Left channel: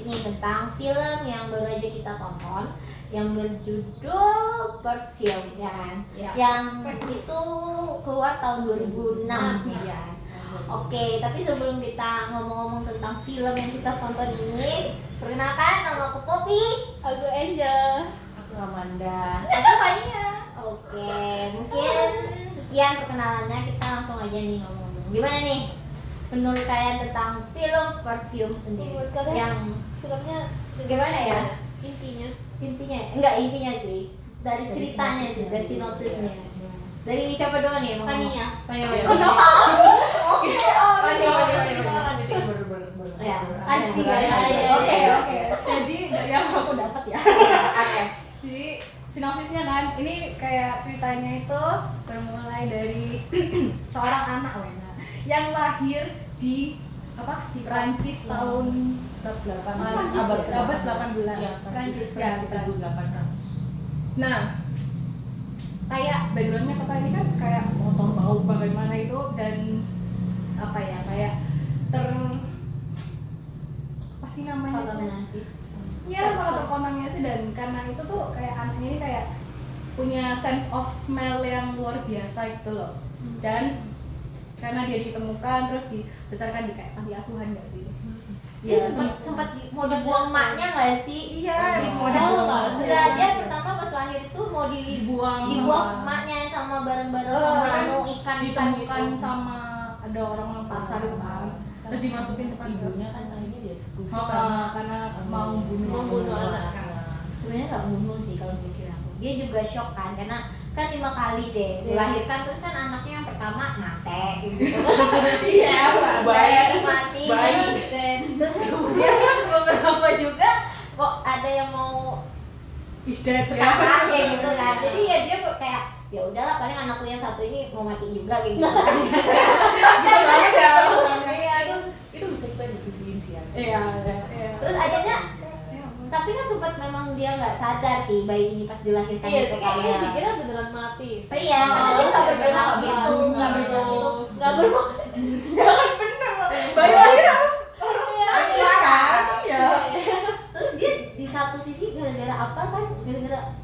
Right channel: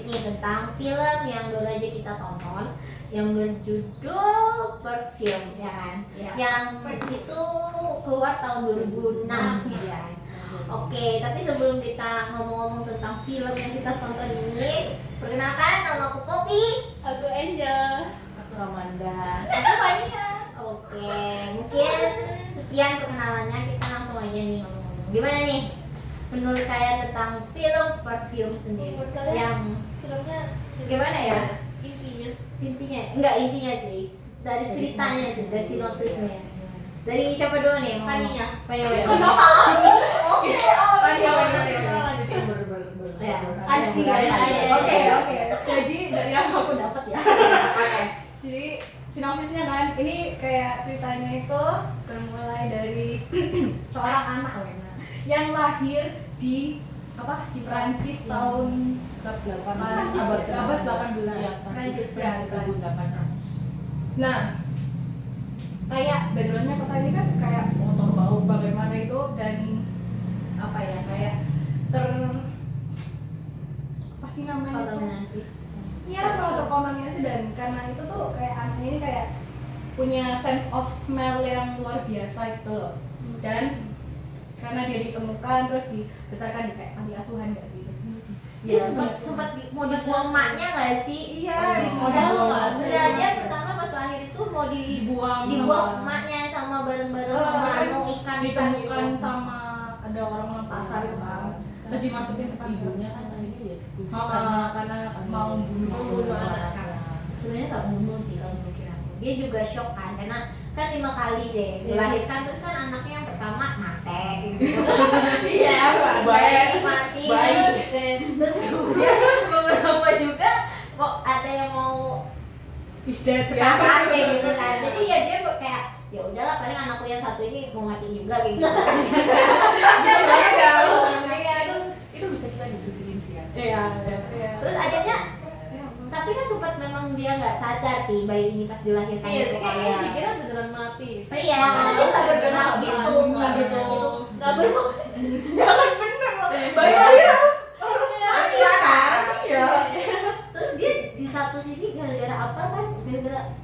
sedikit nih tentang film yang baru aja kita tonton yang berjudul Perfume ya kan? Ya. Yang itu keluar tahun 2006 ya kan? Oke, tapi sebelum kita ngomong-ngomong tentang film yang kita tonton ini, perkenalkan nama aku Poppy. Aku Angel. Aku Amanda. Aku Fania. Oke, mungkin sekian perkenalannya, kita langsung aja nih ngomong. Gimana nih menurut kalian tentang film Perfume sendiri? Menurut kalian? Yang Filmnya gimana ya? intinya Intinya sih dari ceritanya sih, dari sinopsisnya. Dari siapa dulu nih? Fania. Fania. Kenapa? Oke. Lanjutin baru. Ya. Oke. Jadi dari yang aku dapat ya. Oke. Jadi sinopsisnya kan ini kayak ceritanya itu bermulai dari seorang anak yang lahir di Prancis tahun abad 18. Prancis. Ya, nah, kayak backgroundnya kota ini kan kayak motor bau bagaimana itu dan kayak apa sih namanya itu? Kontaminasi. Iya, kalau terkontaminasi dan karena itu tuh kayak anaknya ini kayak punya sense of smell yang luar biasa gitu loh. Dan karena dia ditemukan terus dibesarkan di kayak panti asuhan nggak sih? Iya, sempat mau dibuang emaknya nggak sih? Iya, Modal sudah dia pertama pas lahir itu mau dibuang emaknya sama bareng-bareng sama ikan ditemukan gitu. sama ada orang pasar itu kan. Terus dimasukin ke panti ibunya kan akhirnya dieksekusi karena mau bunuh anaknya. Sebenarnya nggak bunuh sih kalau mikir aku. Dia juga shock kan karena kan 5 kali sih dilahirkan terus kan anaknya yang pertama mati gitu. Iya, mati terus kemudian beberapa juga kok ada yang mau sekarang kayak gitu kan. Jadi ya dia kayak ya udahlah paling anakku yang satu ini mau mati juga kayak gitu kan. Iya, itu bisa kita diskusiin sih ya. Iya. Terus akhirnya tapi kan sempat memang dia nggak sadar sih bayi ini pas dilahirkan gitu kayaknya kan. dikira beneran mati. Iya, karena dia nggak bergerak gitu, nggak bergerak. Nggak bener. Jangan bener loh. Bayi lahir harus kan? Iya. Terus dia di satu sisi gara-gara apa kan? Gara-gara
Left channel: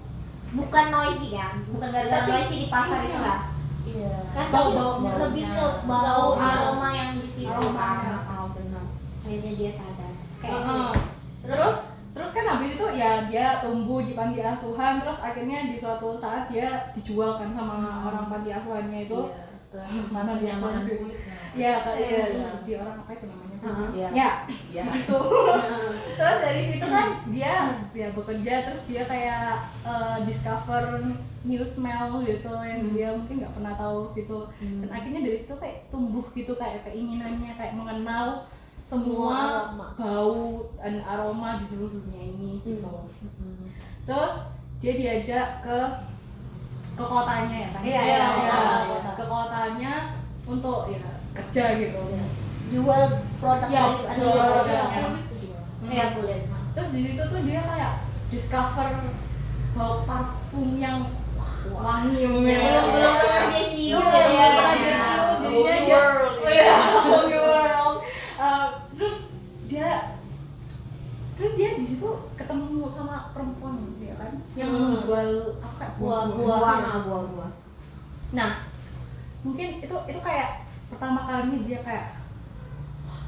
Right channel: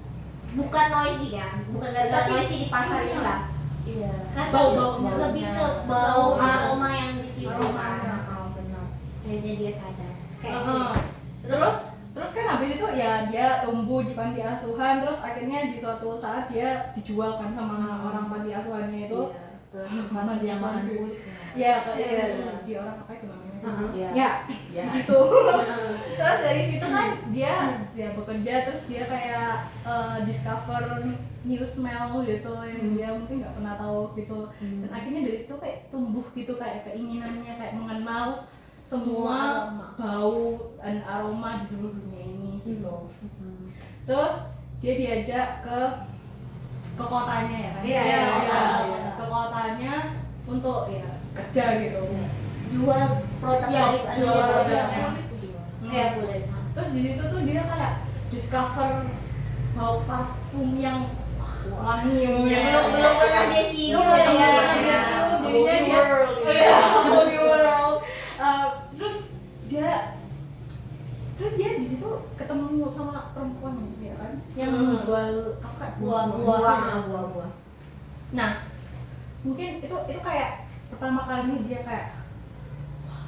bukan noisy kan, bukan gara-gara noisy di pasar itu kan? Iya. Kan Bau. lebih ke bau aroma yang di situ Aroma. kan. Benar. Akhirnya dia sadar. Kayak Terus kan habis itu ya dia tumbuh di panti asuhan terus akhirnya di suatu saat dia dijual kan sama orang panti asuhannya itu mana dia makan cuy. kulit. Ya kayak di orang apa itu namanya? Iya. Ya, di situ. Terus dari situ kan dia bekerja terus dia kayak discover new smell gitu yang dia mungkin nggak pernah tahu gitu. Dan akhirnya dari situ kayak tumbuh gitu kayak keinginannya kayak mengenal semua bau dan aroma di seluruh dunia ini gitu. Terus dia diajak ke kotanya ya kan? Iya. Ke kotanya untuk ya kerja gitu. jual produk dari Jual produk. Iya kulit. Terus di situ tuh dia kayak discover bau parfum yang wangi Belum pernah dia cium terus dia di situ ketemu sama perempuan ya kan yang jual apa buah. nah mungkin itu kayak pertama kalinya dia kayak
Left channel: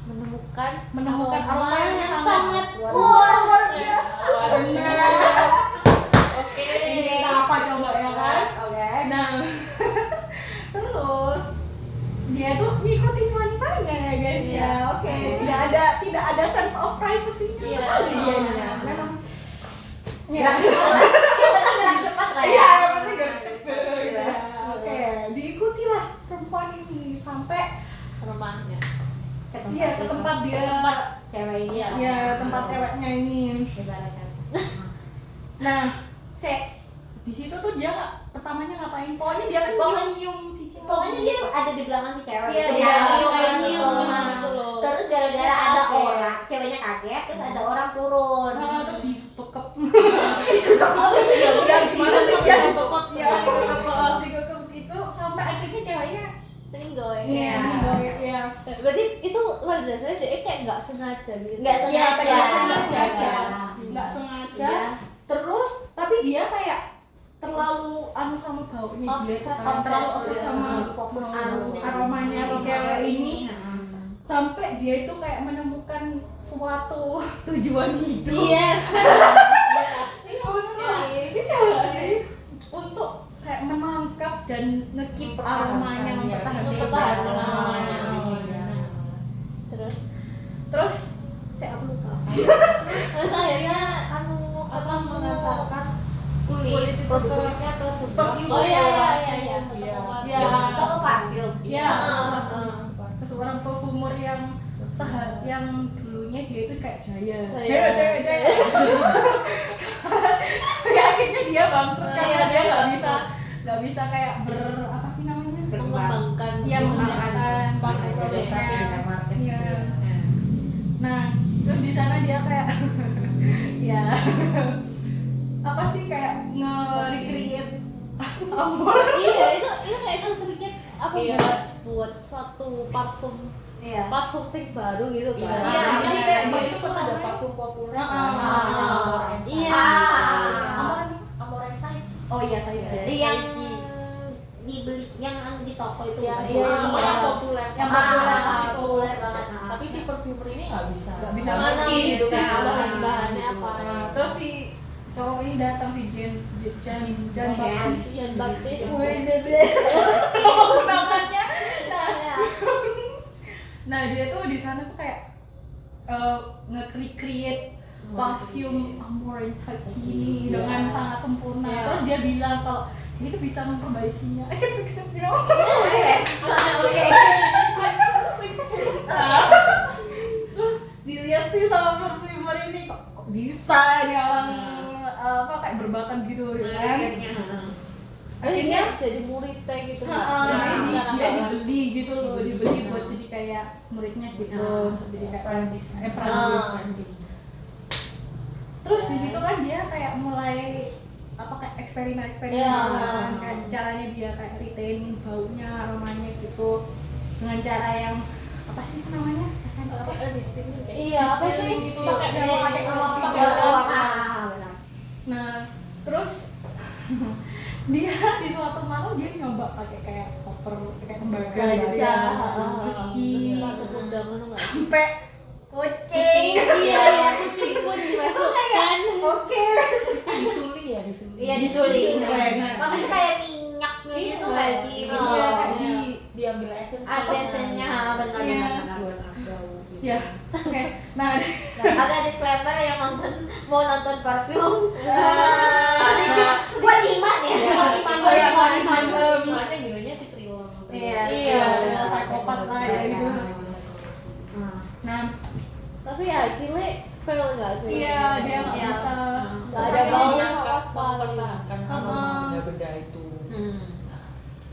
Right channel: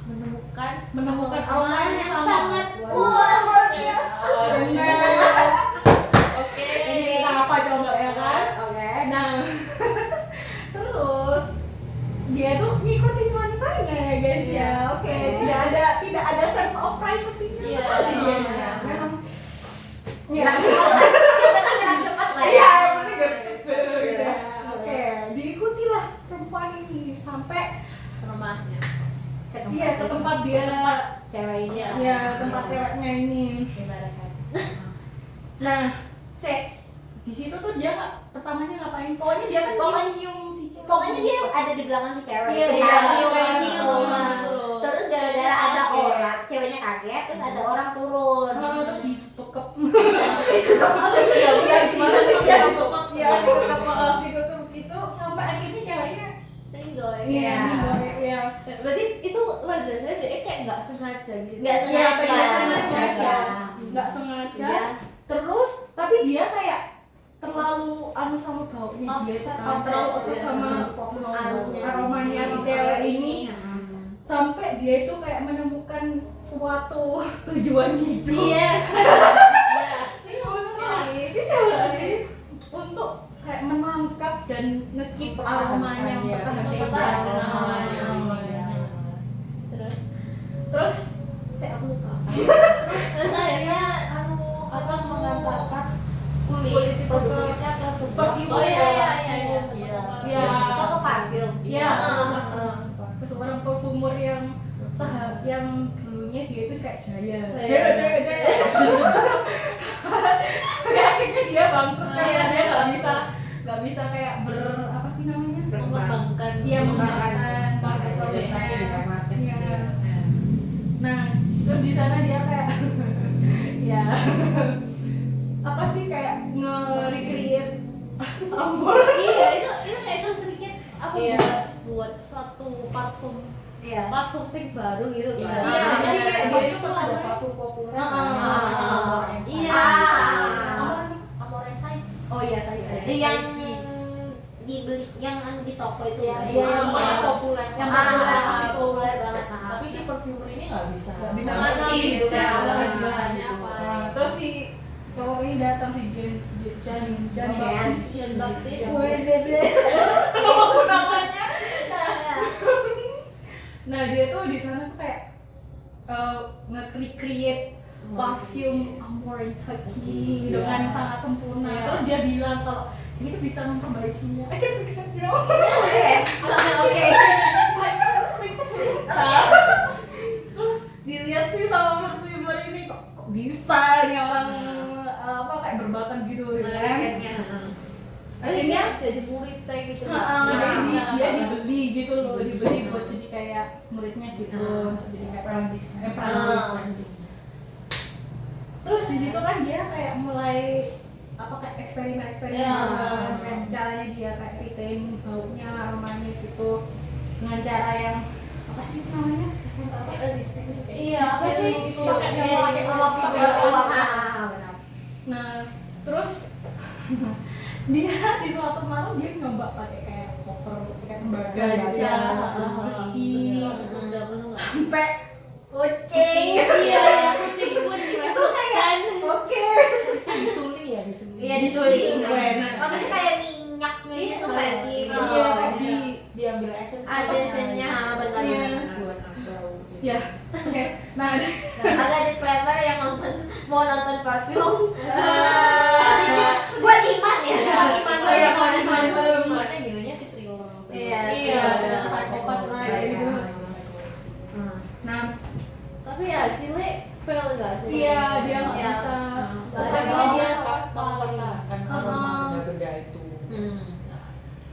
menemukan aroma yang sangat luar biasa. Oke. Ini kita apa coba ya kan? Oke. Nah, terus dia tuh ngikutin wanitanya ya guys ya. Oke. Tidak ada sense of privacy-nya sekali dia. Memang. Ya. Yang penting gerak cepat lah ya. Iya, yang penting gerak cepat. Oke, diikutilah perempuan ini sampai Rumahnya. iya ke tempat dia cewek ini ya tempat ceweknya ini. Nah, di situ tuh dia pertamanya ngapain? Pokoknya dia kan nyium si cewek. Pokoknya dia ada di belakang si cewek Iya, itu iya, kan, iya, nyium. iya. Terus gara-gara ada orang, ceweknya kaget, terus ada orang turun. Terus dibekep. Apa sih? Iya, Gimana sih? Iya, Dibekep. Iya, dibekep itu sampai akhirnya ceweknya iya. Berarti itu pada dasarnya dia kayak nggak sengaja gitu. Nggak sengaja. sengaja. nggak sengaja. Iya. Terus tapi dia kayak terlalu sama baunya dia itu kan. Terlalu obses sama aromanya si cewek ini, sampai dia itu kayak menemukan suatu tujuan hidup. Yes. Iya nggak sih? Untuk kayak menangkap dan ngekip aromanya, mempertahankan aromanya. Terus saya lupa. Terus akhirnya akan mengantarkan Kulit itu kulitnya ke sebuah perfume. Oh, iya. Iya. Toko parfum. Iya. Heeh. Ke seorang perfumer yang yang dulunya dia itu kayak jaya. Jaya. Ya, akhirnya dia bangkrut karena Iya. dia nggak bisa kayak apa sih namanya? Mengembangkan. Dia mengembangkan adaptasi dengan market. Iya. Nah, terus di sana dia kayak ya apa sih kayak nge-recreate amor. Iya, itu kayak sedikit apa Iya. buat suatu parfum. Iya. Parfum sing baru gitu kan. Iya, jadi kayak Mas dia itu kan ada parfum populer. Iya. Amor Inside. Oh iya saya. Yang dibeli yang di toko itu. Yang Iya. yang populer. Yang populer. Populer banget. Tapi si perfumer ini nggak bisa. Nggak bisa Nggak ngerti bisa, gitu kan. bahannya apa. Nah, terus si cowok ini datang si Jan Baptiste. Jan Baptiste. Apa namanya? Iya. Nah dia tuh di sana tuh kayak nge-recreate parfum Amor Inside ini dengan sangat sempurna. Iya. Terus dia bilang kalau dia tuh bisa memperbaikinya. I can fix it, you know. Yes. Oke. Tuh dilihat sih sama perfumer ini kok bisa nih orang apa kayak berbakat gitu ya kan. Akhirnya jadi murid kayak gitu. jadi dia dibeli gitu loh, dibeli buat jadi kayak muridnya gitu, jadi kayak apprentice. Terus di situ kan dia kayak mulai apa kayak eksperimen kayak caranya dia kayak retain baunya, aromanya gitu dengan cara yang apa sih namanya? Iya, apa sih? Pakai telur. Nah, terus dia di suatu malam dia nyoba pakai kayak koper, kayak tembaga, Gajah, besi, sampai kucing. Iya, kucing pun dimasukkan. Oke. Disuling ya, disuling. Iya, disuling. Disuling. Maksudnya kayak minyak gitu nggak sih? Iya, kan diambil esensi. Esensinya benar. Iya. buat bau. Ya, oke. Nah, Ada disclaimer yang mau nonton parfum. Buat iman ya. Buat iman. Makanya bilangnya si trio. Iya. dengan psikopat lah gitu. Nah, Tapi ya Cile fail nggak sih? iya dia nggak Iya. bisa. Nggak ada Pokoknya bau dia apa sekali. Kan aroma benda-benda itu.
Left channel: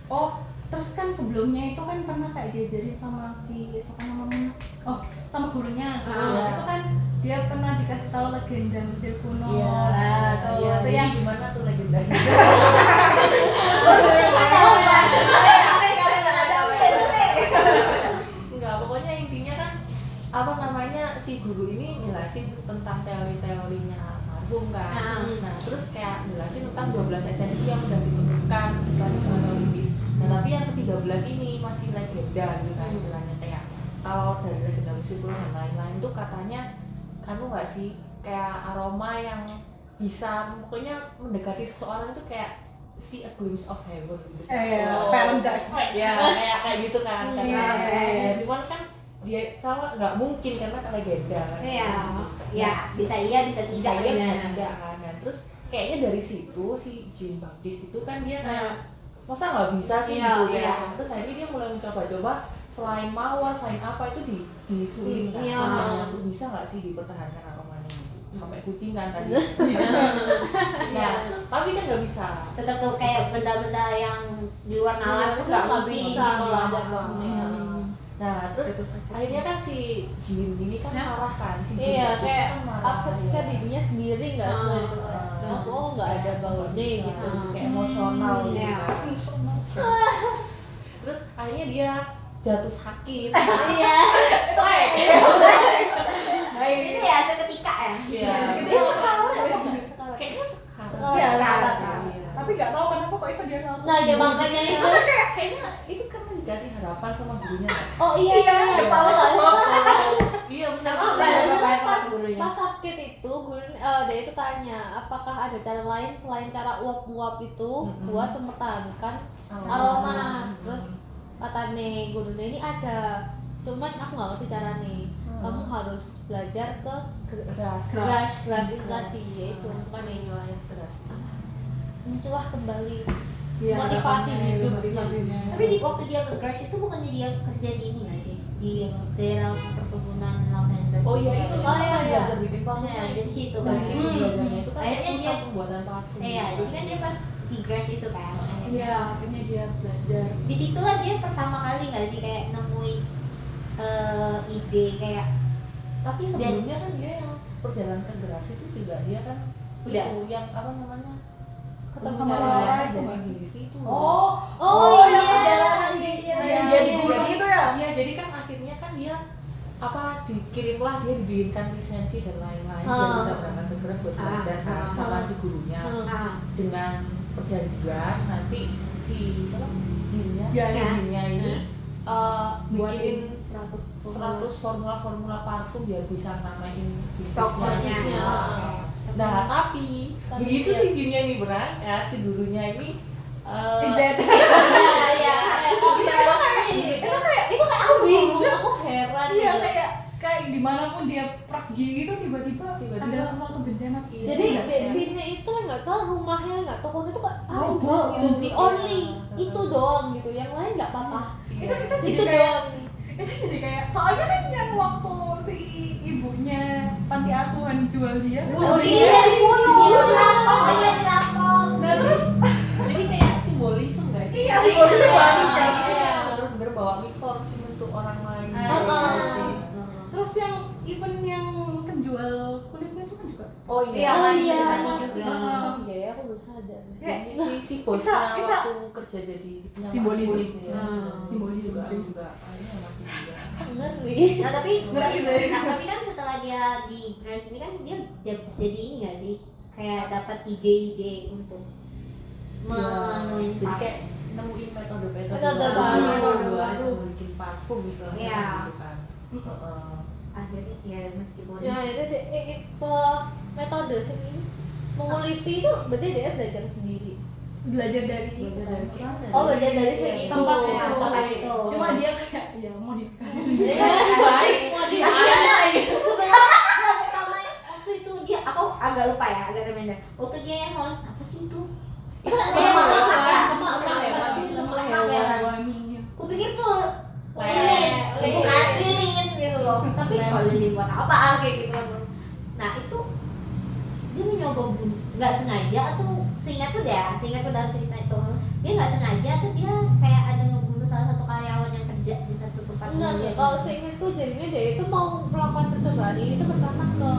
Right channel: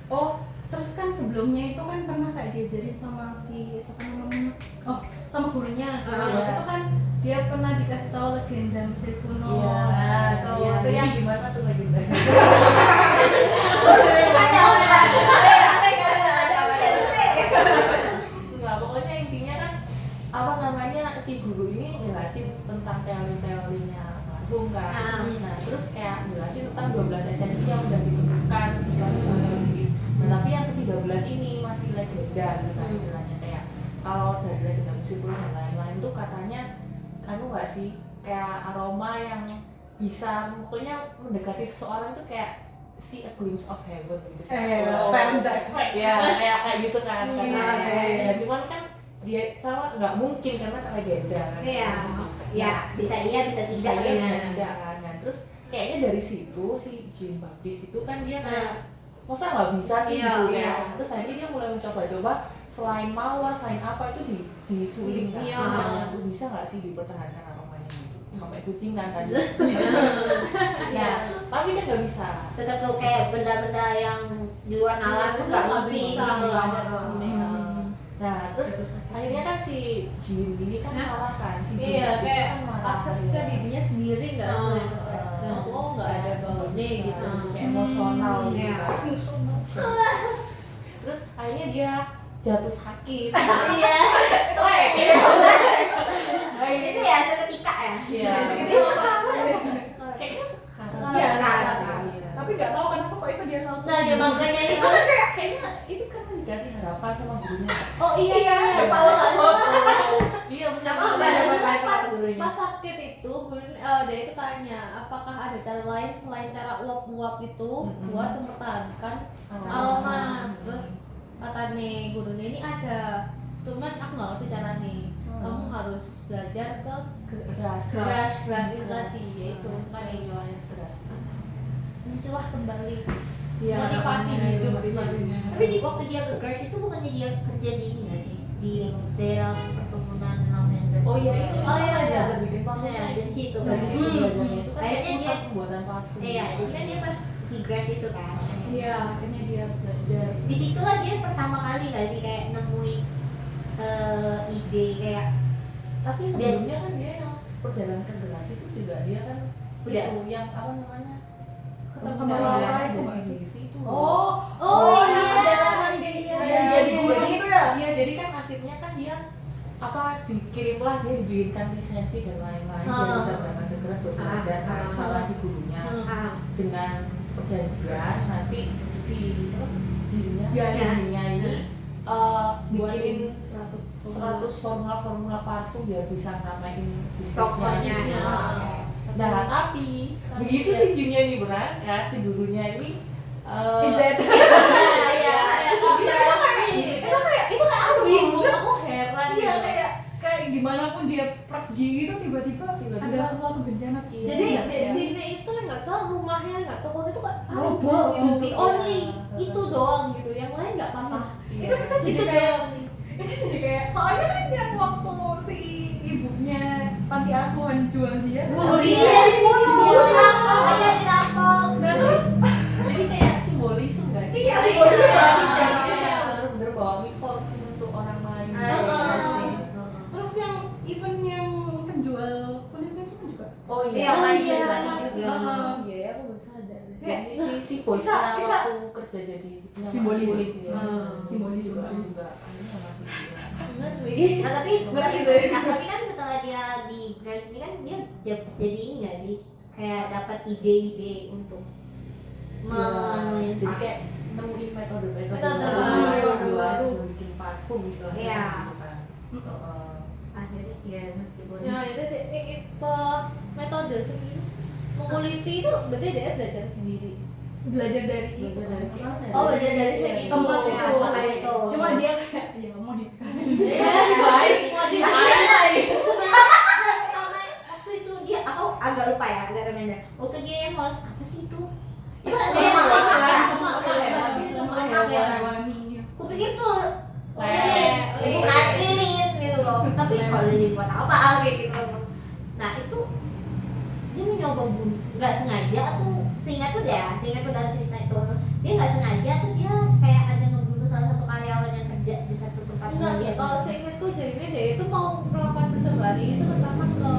Oh, terus kan sebelumnya itu kan pernah kayak diajarin sama si siapa namanya? Oh, sama gurunya. Itu kan dia pernah dikasih tahu legenda Mesir kuno. Nah, itu yang gimana tuh legendanya? Enggak, pokoknya intinya kan apa namanya si guru ini jelasin tentang teori-teorinya parfum kan. Nah, terus kayak jelasin tentang 12 esensi yang udah ditemukan misalnya teoris. Nah, tapi yang ke-13 ini masih legenda gitu kan istilahnya, kayak kalau dari legenda musik dan lain-lain tuh katanya kamu nggak sih kayak aroma yang bisa pokoknya mendekati seseorang itu kayak see a glimpse of heaven gitu. paradise. Ya kayak gitu kan. Ya, cuman kan dia kalau nggak mungkin karena kan legenda kan. Iya. Ya, bisa iya, bisa Bisa tidak. iya tidak kan. Nah, terus kayaknya dari situ si Jean Baptiste itu kan dia kayak masa nggak bisa sih Iya, gitu iya. ya. Terus akhirnya dia mulai mencoba-coba selain mawar, selain apa itu disuling kan. Iya. Makanya tuh bisa nggak sih dipertahankan aromanya gitu. Sampai kucing kan tadi. Ya, tapi kan nggak bisa. Tetap tuh kayak benda-benda yang di luar nalar pun nggak mungkin bisa kalau ada Nah, terus akhirnya kan si Jin ini kan marah kan, si Jin Iya, Baptiste kayak kan marah upset ya. ke dirinya sendiri nggak sih? Yang Oh nggak ada baunya bisa, gitu. kayak emosional gitu Iya. kan. Terus akhirnya dia jatuh sakit. Iya. Lek. Itu ya seketika ya. Iya. Itu Kayaknya sekarang. Iya, sekarang. tapi nggak tahu kenapa kok bisa dia langsung. Nah, dia makanya itu Kayaknya itu kan dikasih harapan sama gurunya. oh iya Iya, kepala ke bawah. Iya benar. Oh, benar. ada Pas, apa gurunya? pas sakit itu guru dia itu tanya apakah ada cara lain selain cara uap-uap itu buat mempertahankan aroma. Terus kata nih gurunya ini ada, cuman aku nggak ngerti caranya. Kamu harus belajar ke grass itu tadi, yaitu kan yang keras. itulah kembali Iya, motivasi makanya hidup motivasinya. tapi di waktu dia ke crash itu bukannya dia kerja di ini nggak sih di daerah perkebunan lavender Oh iya itu oh iya iya belajar bikin parfum. ya dari situ Dari kan situ belajarnya itu kan Akhirnya pusat dia- pembuatan parfum. iya jadi kan dia pas di grass itu kan Iya, akhirnya dia belajar. disitulah dia pertama kali nggak sih kayak nemuin ide kayak Tapi sebelumnya kan dia yang perjalanan ke Geras itu juga dia kan Udah. itu yang apa namanya Sama ketemu Laura yang itu jadi nggak sih? diri itu. oh iya perjalanan yang jadi guru jadi, itu ya. Iya, jadi kan akhirnya kan dia apa dikirimlah dia diberikan lisensi dan lain-lain dia bisa berangkat ke Geras buat belajar kan sama si gurunya dengan perjanjian nanti si siapa jinnya Ya, si ya. jinnya ini bikin Buatin 100 formula parfum biar bisa namain bisnisnya. tokonya Nah, tapi begitu si jinnya ini berangkat, si gurunya ini Is that? iya itu kayak aku bingung, aku heran Iya, gitu. kayak dimanapun dia pergi gitu tiba-tiba Tiba-tiba. ada sesuatu bencana. Jadi Iya, di iya. sini itu nggak salah rumahnya nggak toko itu kan Roboh. gitu, the only Iya. itu doang gitu, yang lain nggak apa-apa. Iya. Itu jadi Itu kayak doang. itu jadi kayak soalnya kan yang waktu si ibunya panti asuhan jual dia. Bunuh iya dia. dibunuh dirampok iya dirampok Nah terus Jadi kayak simbolisme nggak sih? iya sih polisi Iya. banget. Iya. Bener-bener bawa misfortune untuk orang lain. Ah, Iya iya. sih. Terus yang event yang penjual kulitnya itu kan juga. Oh Iya, iya. mati iya. juga Oke, aku baru sadar. Jadi si Bisa. bosnya waktu kerja jadi Simbolis. kulit ya. Simbolis juga juga. akhirnya mati dia. Ngeri. nah tapi Ngerti tapi, deh. tapi kan setelah dia di Grace ini kan dia jadi ini nggak sih kayak dapat ide-ide untuk memenuhi Jadi kayak nemuin metode-metode Metode baru. buat bikin parfum istilahnya Iya. gitu kan. Heeh. akhirnya ya meskipun Ya itu metode sendiri menguliti itu berarti dia belajar sendiri. Belajar dari itu. Belajar dari kita. Oh, belajar dari sini. tempat Iya, itu. tempat itu. Cuma dia kayak ya modifikasi. baik Modifikasi. pertama waktu itu dia aku agak lupa ya agak reminder waktu dia yang ngoles apa sih itu ada yang Lemak, lemak ya lemak, lemak lemak ya Hewani. kupikir tuh Lilin. bukan lilin gitu loh tapi kalau lilin buat apa kayak gitu nah itu dia mencoba bunuh nggak sengaja atau seingatku dalam cerita itu dia nggak sengaja atau dia kayak ada ngebunuh salah satu karyawan yang kerja di satu tempat Enggak, dia kalau seingatku jadinya dia itu mau melakukan percobaan itu pertama ke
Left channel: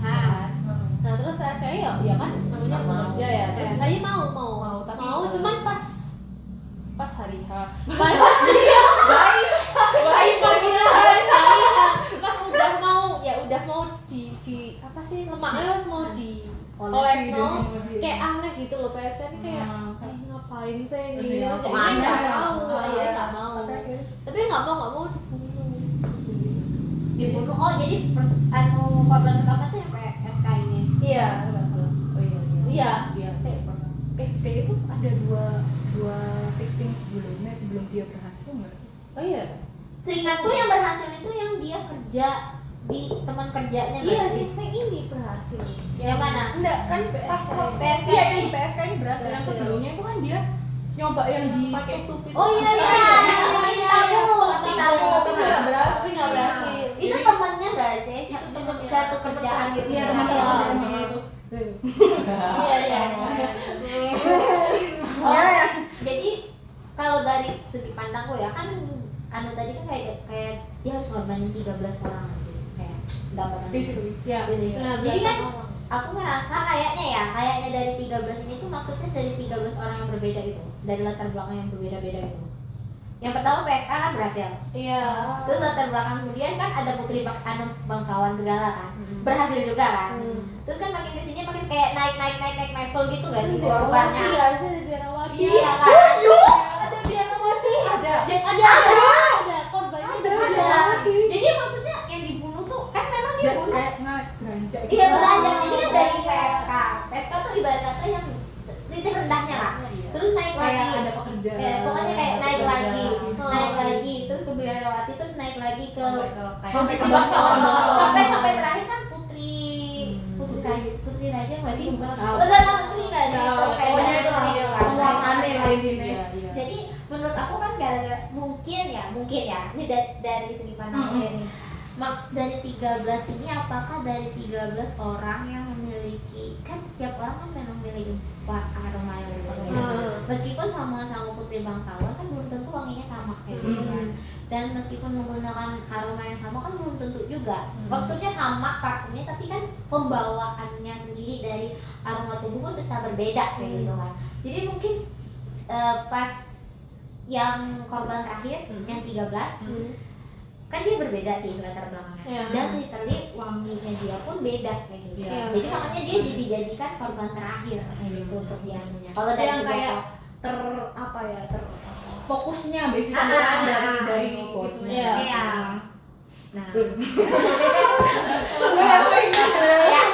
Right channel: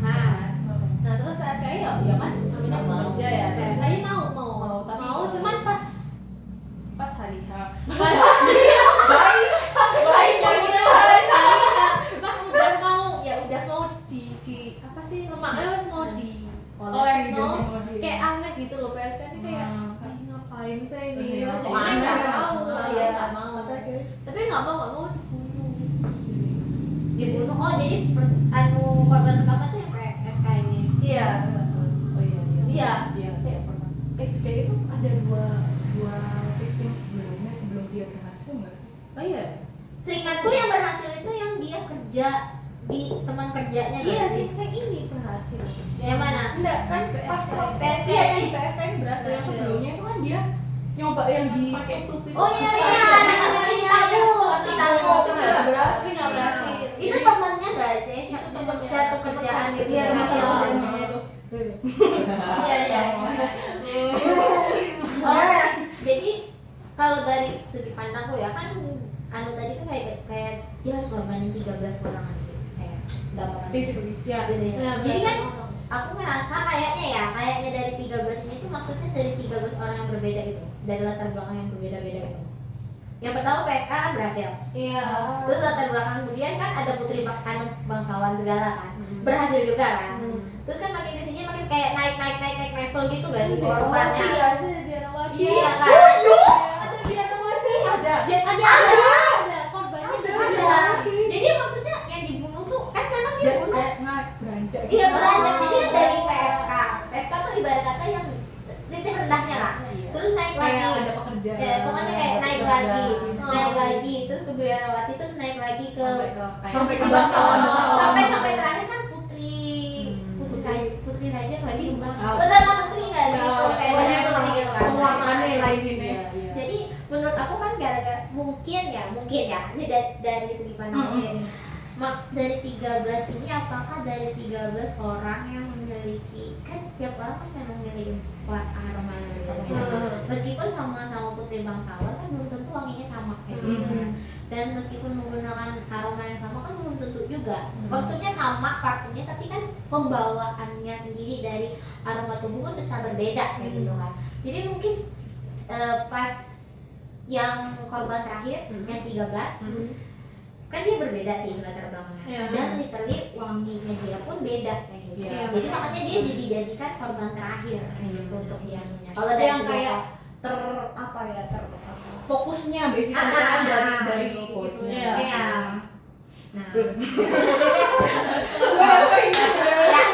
nah nah terus saya ya kan namanya Nggak mau. kerja ya terus Ya. saya mau Tapi cuman pas hari H pas baik Marina. pas udah mau di apa sih lemaknya harus mau di oles mau kayak aneh gitu loh PSK ini kayak ngapain sih ini Iya, jadi kok aneh nggak ya? mau Iya. nggak mau tapi nggak mau dibunuh oh jadi korban pertama tuh yang kayak SK ini iya Oh iya iya. Iya. Iya, saya pernah. Dan itu ada dua victim sebelumnya sebelum dia berhasil nggak sih? oh iya seingatku yang berhasil itu yang dia kerja di teman kerjanya iya nggak sih sih saya ini berhasil yang mana Enggak, kan pas PSK iya yang ini. di PSK ini berhasil. Yang Berhasil. sebelumnya itu kan dia nyoba yang di pakai tupin. oh iya iya ada masukin tabung di tabung Tapi nggak berhasil. tapi nggak berhasil itu temennya nggak sih satu kerjaan gitu Iya, sama teman dia. kerjanya itu. iya iya Oh, jadi kalau dari segi pandangku ya kan anu tadi kan kayak dia harus ngorbanin 13 orang nggak sih kayak berapa orang Itu ya. gitu ya. Nah, Jadi kan aku ngerasa kayaknya dari 13 ini tuh maksudnya dari 13 orang yang berbeda gitu dari latar belakang yang berbeda-beda gitu Yang pertama PSK kan berhasil. Iya. Terus latar belakang kemudian kan ada putri bangsawan segala kan, berhasil juga kan. Terus kan makin kesini makin kayak naik level gitu gak sih korbannya? Iya sih Biarawati. Iya kan? Ada Biarawati. Ada. Korbannya Ada. Jadi maksudnya yang dibunuh tuh kan memang Dia dibunuh. kayak beranjak Iya beranjak. Jadi kan dari PSK. PSK tuh ibarat kata yang titik rendahnya lah. Terus naik kayak lagi. ada pekerjaan. Ya, pokoknya kayak naik lagi, terus ke Biarawati, terus naik lagi ke posisi bangsawan sampai terakhir kan putri raja nggak sih bukan benar lah menteri nggak sih itu kayak pokoknya itu lah menteri kan. penguasaannya lain ini. Jadi menurut aku kan gara-gara mungkin ya ini dari segi pandang ini dari 13 ini apakah dari 13 orang yang memiliki kan tiap orang kan memang memiliki aroma yang berbeda meskipun sama-sama putri bangsawan kan belum tentu wanginya sama kayak gitu kan. Dan meskipun menggunakan aroma yang sama kan belum tentu juga maksudnya sama parfumnya tapi kan pembawaannya sendiri dari aroma tubuh kan bisa berbeda kayak gitu kan. Jadi mungkin pas yang korban terakhir yang 13 kan dia berbeda sih latar belakangnya dan literally wanginya dia pun beda kayak gitu. Jadi makanya dia dijadikan korban terakhir untuk dia punya. Kalau dari yang kayak fokusnya basically kan dari fokusnya. Iya. Nah. Ya,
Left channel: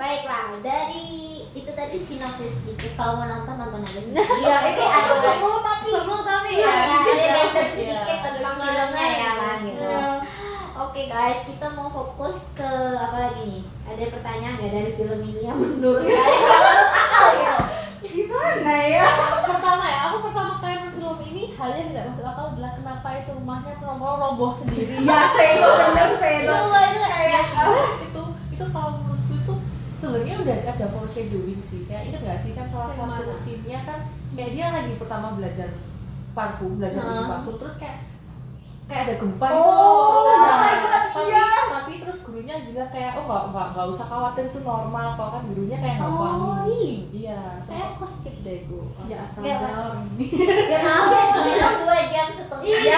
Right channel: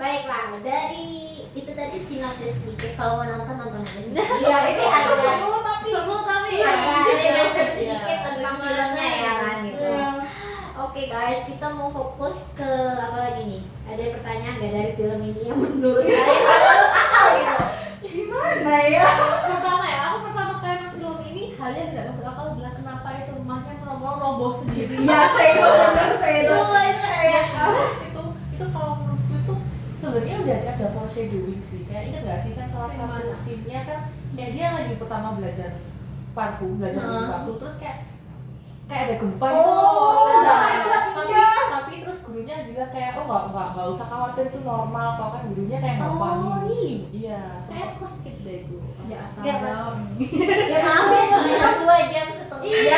baiklah dari itu tadi sinopsis sedikit. Kalau mau nonton aja sedikit. Iya, itu ada seru tapi ada sedikit tentang filmnya ya kan gitu. Iya. Oke guys, kita mau fokus ke apa lagi nih? Ada pertanyaan nggak dari film ini yang menurut saya nggak masuk akal gitu? Gimana ya? Aku pertama kali nonton film ini hal yang tidak masuk akal adalah kenapa itu rumahnya roboh sendiri. Iya, saya itu. Sumpah, itu kayak itu kalau menurutku itu sebenarnya udah ada foreshadowing sih. Saya ingat nggak sih kan salah satu Gimana? scene-nya kan kayak dia lagi pertama belajar bikin parfum terus kayak ada gempa gitu. Tapi terus gurunya bilang kayak nggak usah khawatir itu normal kok kan gurunya kayak nggak wangi. Iya. saya kok skip deh gue. Ya Iya, astaga. Ya maaf ya, bisa 2 jam setengah. Iya,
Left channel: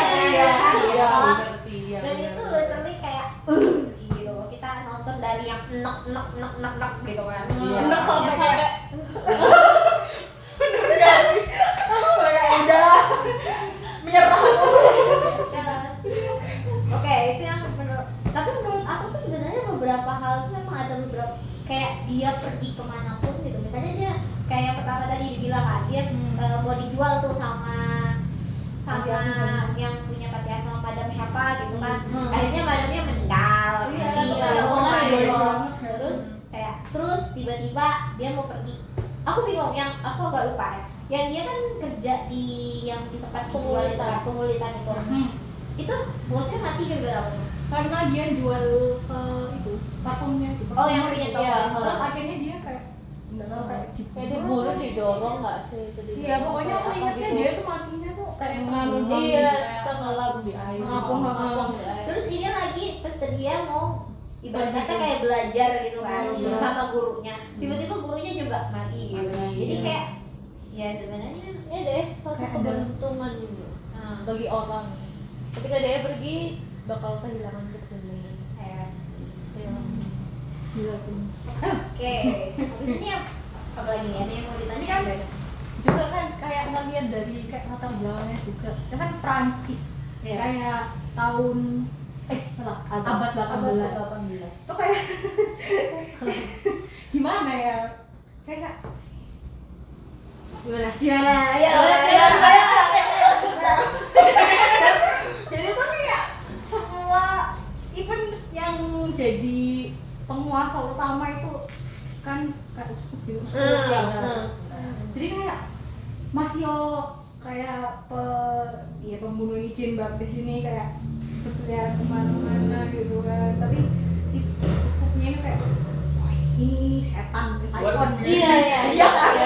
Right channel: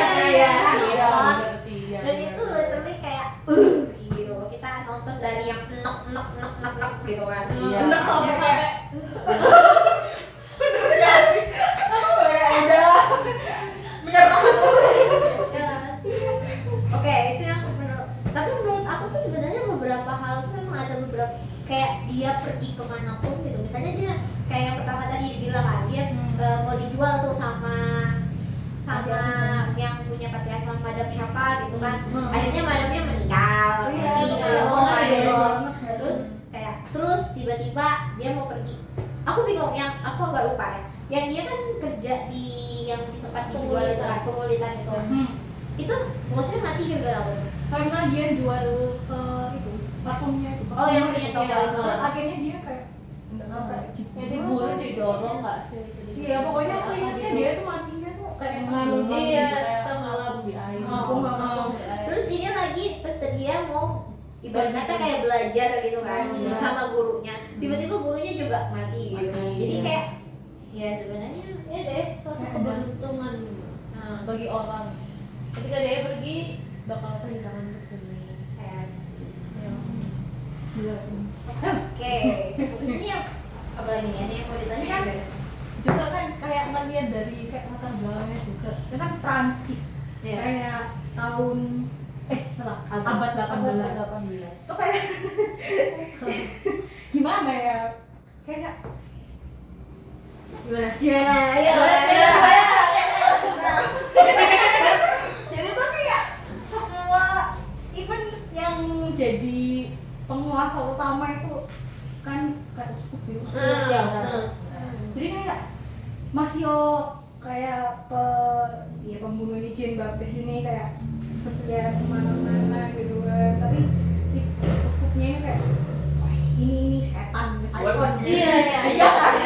Maaf. benar sih. Iya, Dan benar. itu literally kayak gitu. Kita nonton dari yang nek gitu kan. Iya. Enak sampai kayak udah menyerah. Oke, itu yang tapi menurut aku tuh sebenarnya beberapa hal tuh memang ada beberapa kayak dia pergi kemanapun gitu. Misalnya dia kayak yang pertama tadi dibilang kan dia mau dijual tuh sama yang punya panti asuhan madam siapa gitu kan. Akhirnya madamnya meninggal. Terus tiba-tiba dia mau pergi. Aku bingung yang aku agak lupa ya. Yang dia kan kerja di tempat dijual itu kan pengulitan itu. Itu bosnya mati gara-gara apa? Karena dia jual itu parfumnya itu. Oh, yang punya toko. Terus akhirnya dia kayak enggak tahu kayak Ya diburu didorong nggak sih? Iya, pokoknya aku ingatnya dia tuh matinya tuh kayak Nganu. Iya, tenggelam di air. Ngapung. Terus dia lagi pas dia mau ibarat kata kayak belajar gitu kan sama gurunya. Tiba-tiba gurunya juga mati gitu. Jadi kayak ya sebenarnya Ini deh suatu keberuntungan bagi orang. Ketika dia pergi bakal kehilangan keberuntungan. Gila sih. Oke. Ini apa lagi nih? Ada yang mau ditanya? Ini kan juga kan kayak ngeliat dari kayak latar belakangnya juga. Dia kan Prancis. Iya. Kayak tahun abad 18. Itu kayak gimana ya? Kayak Gimana? Jadi tuh kayak semua even yang jadi penguasa utama itu kan kayak uskup ya. Jadi kayak Masio kayak pembunuh ini Jean Baptiste ini kayak ya kemana-mana gitu kan. Tapi si uskupnya ini kayak ini setan misalnya. Iya kan?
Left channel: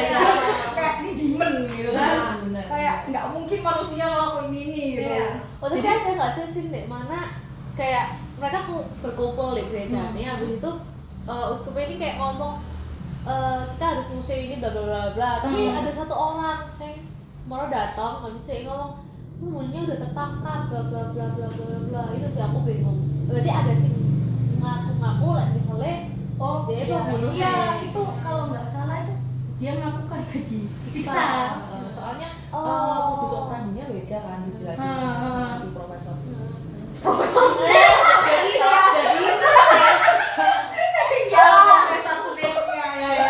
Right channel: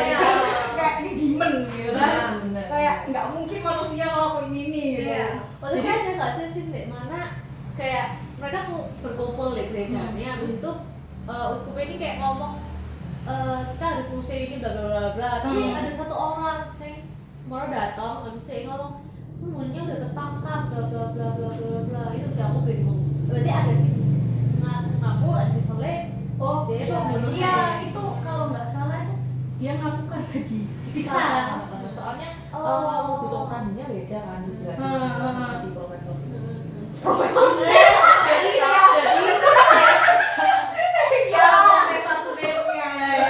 Kayak ini demon gitu kan. Kayak nggak mungkin manusia ngelakuin ini gitu. Waktu itu ada nggak sih scene di mana kayak mereka berkumpul di gereja nih, habis itu uskupnya ini kayak ngomong kita harus ngusir ini bla bla bla bla. Tapi ada satu orang sing mau datang, habis itu ngomong umurnya udah tertangkap bla bla bla bla bla bla. Itu sih aku bingung, berarti ada sih ngaku-ngaku lah misalnya Oh dia iya, pembunuh iya saya. itu kalau nggak salah itu dia ngaku kan disiksa. Soalnya Oh. modus operandinya beda kan dijelasin sama si profesor.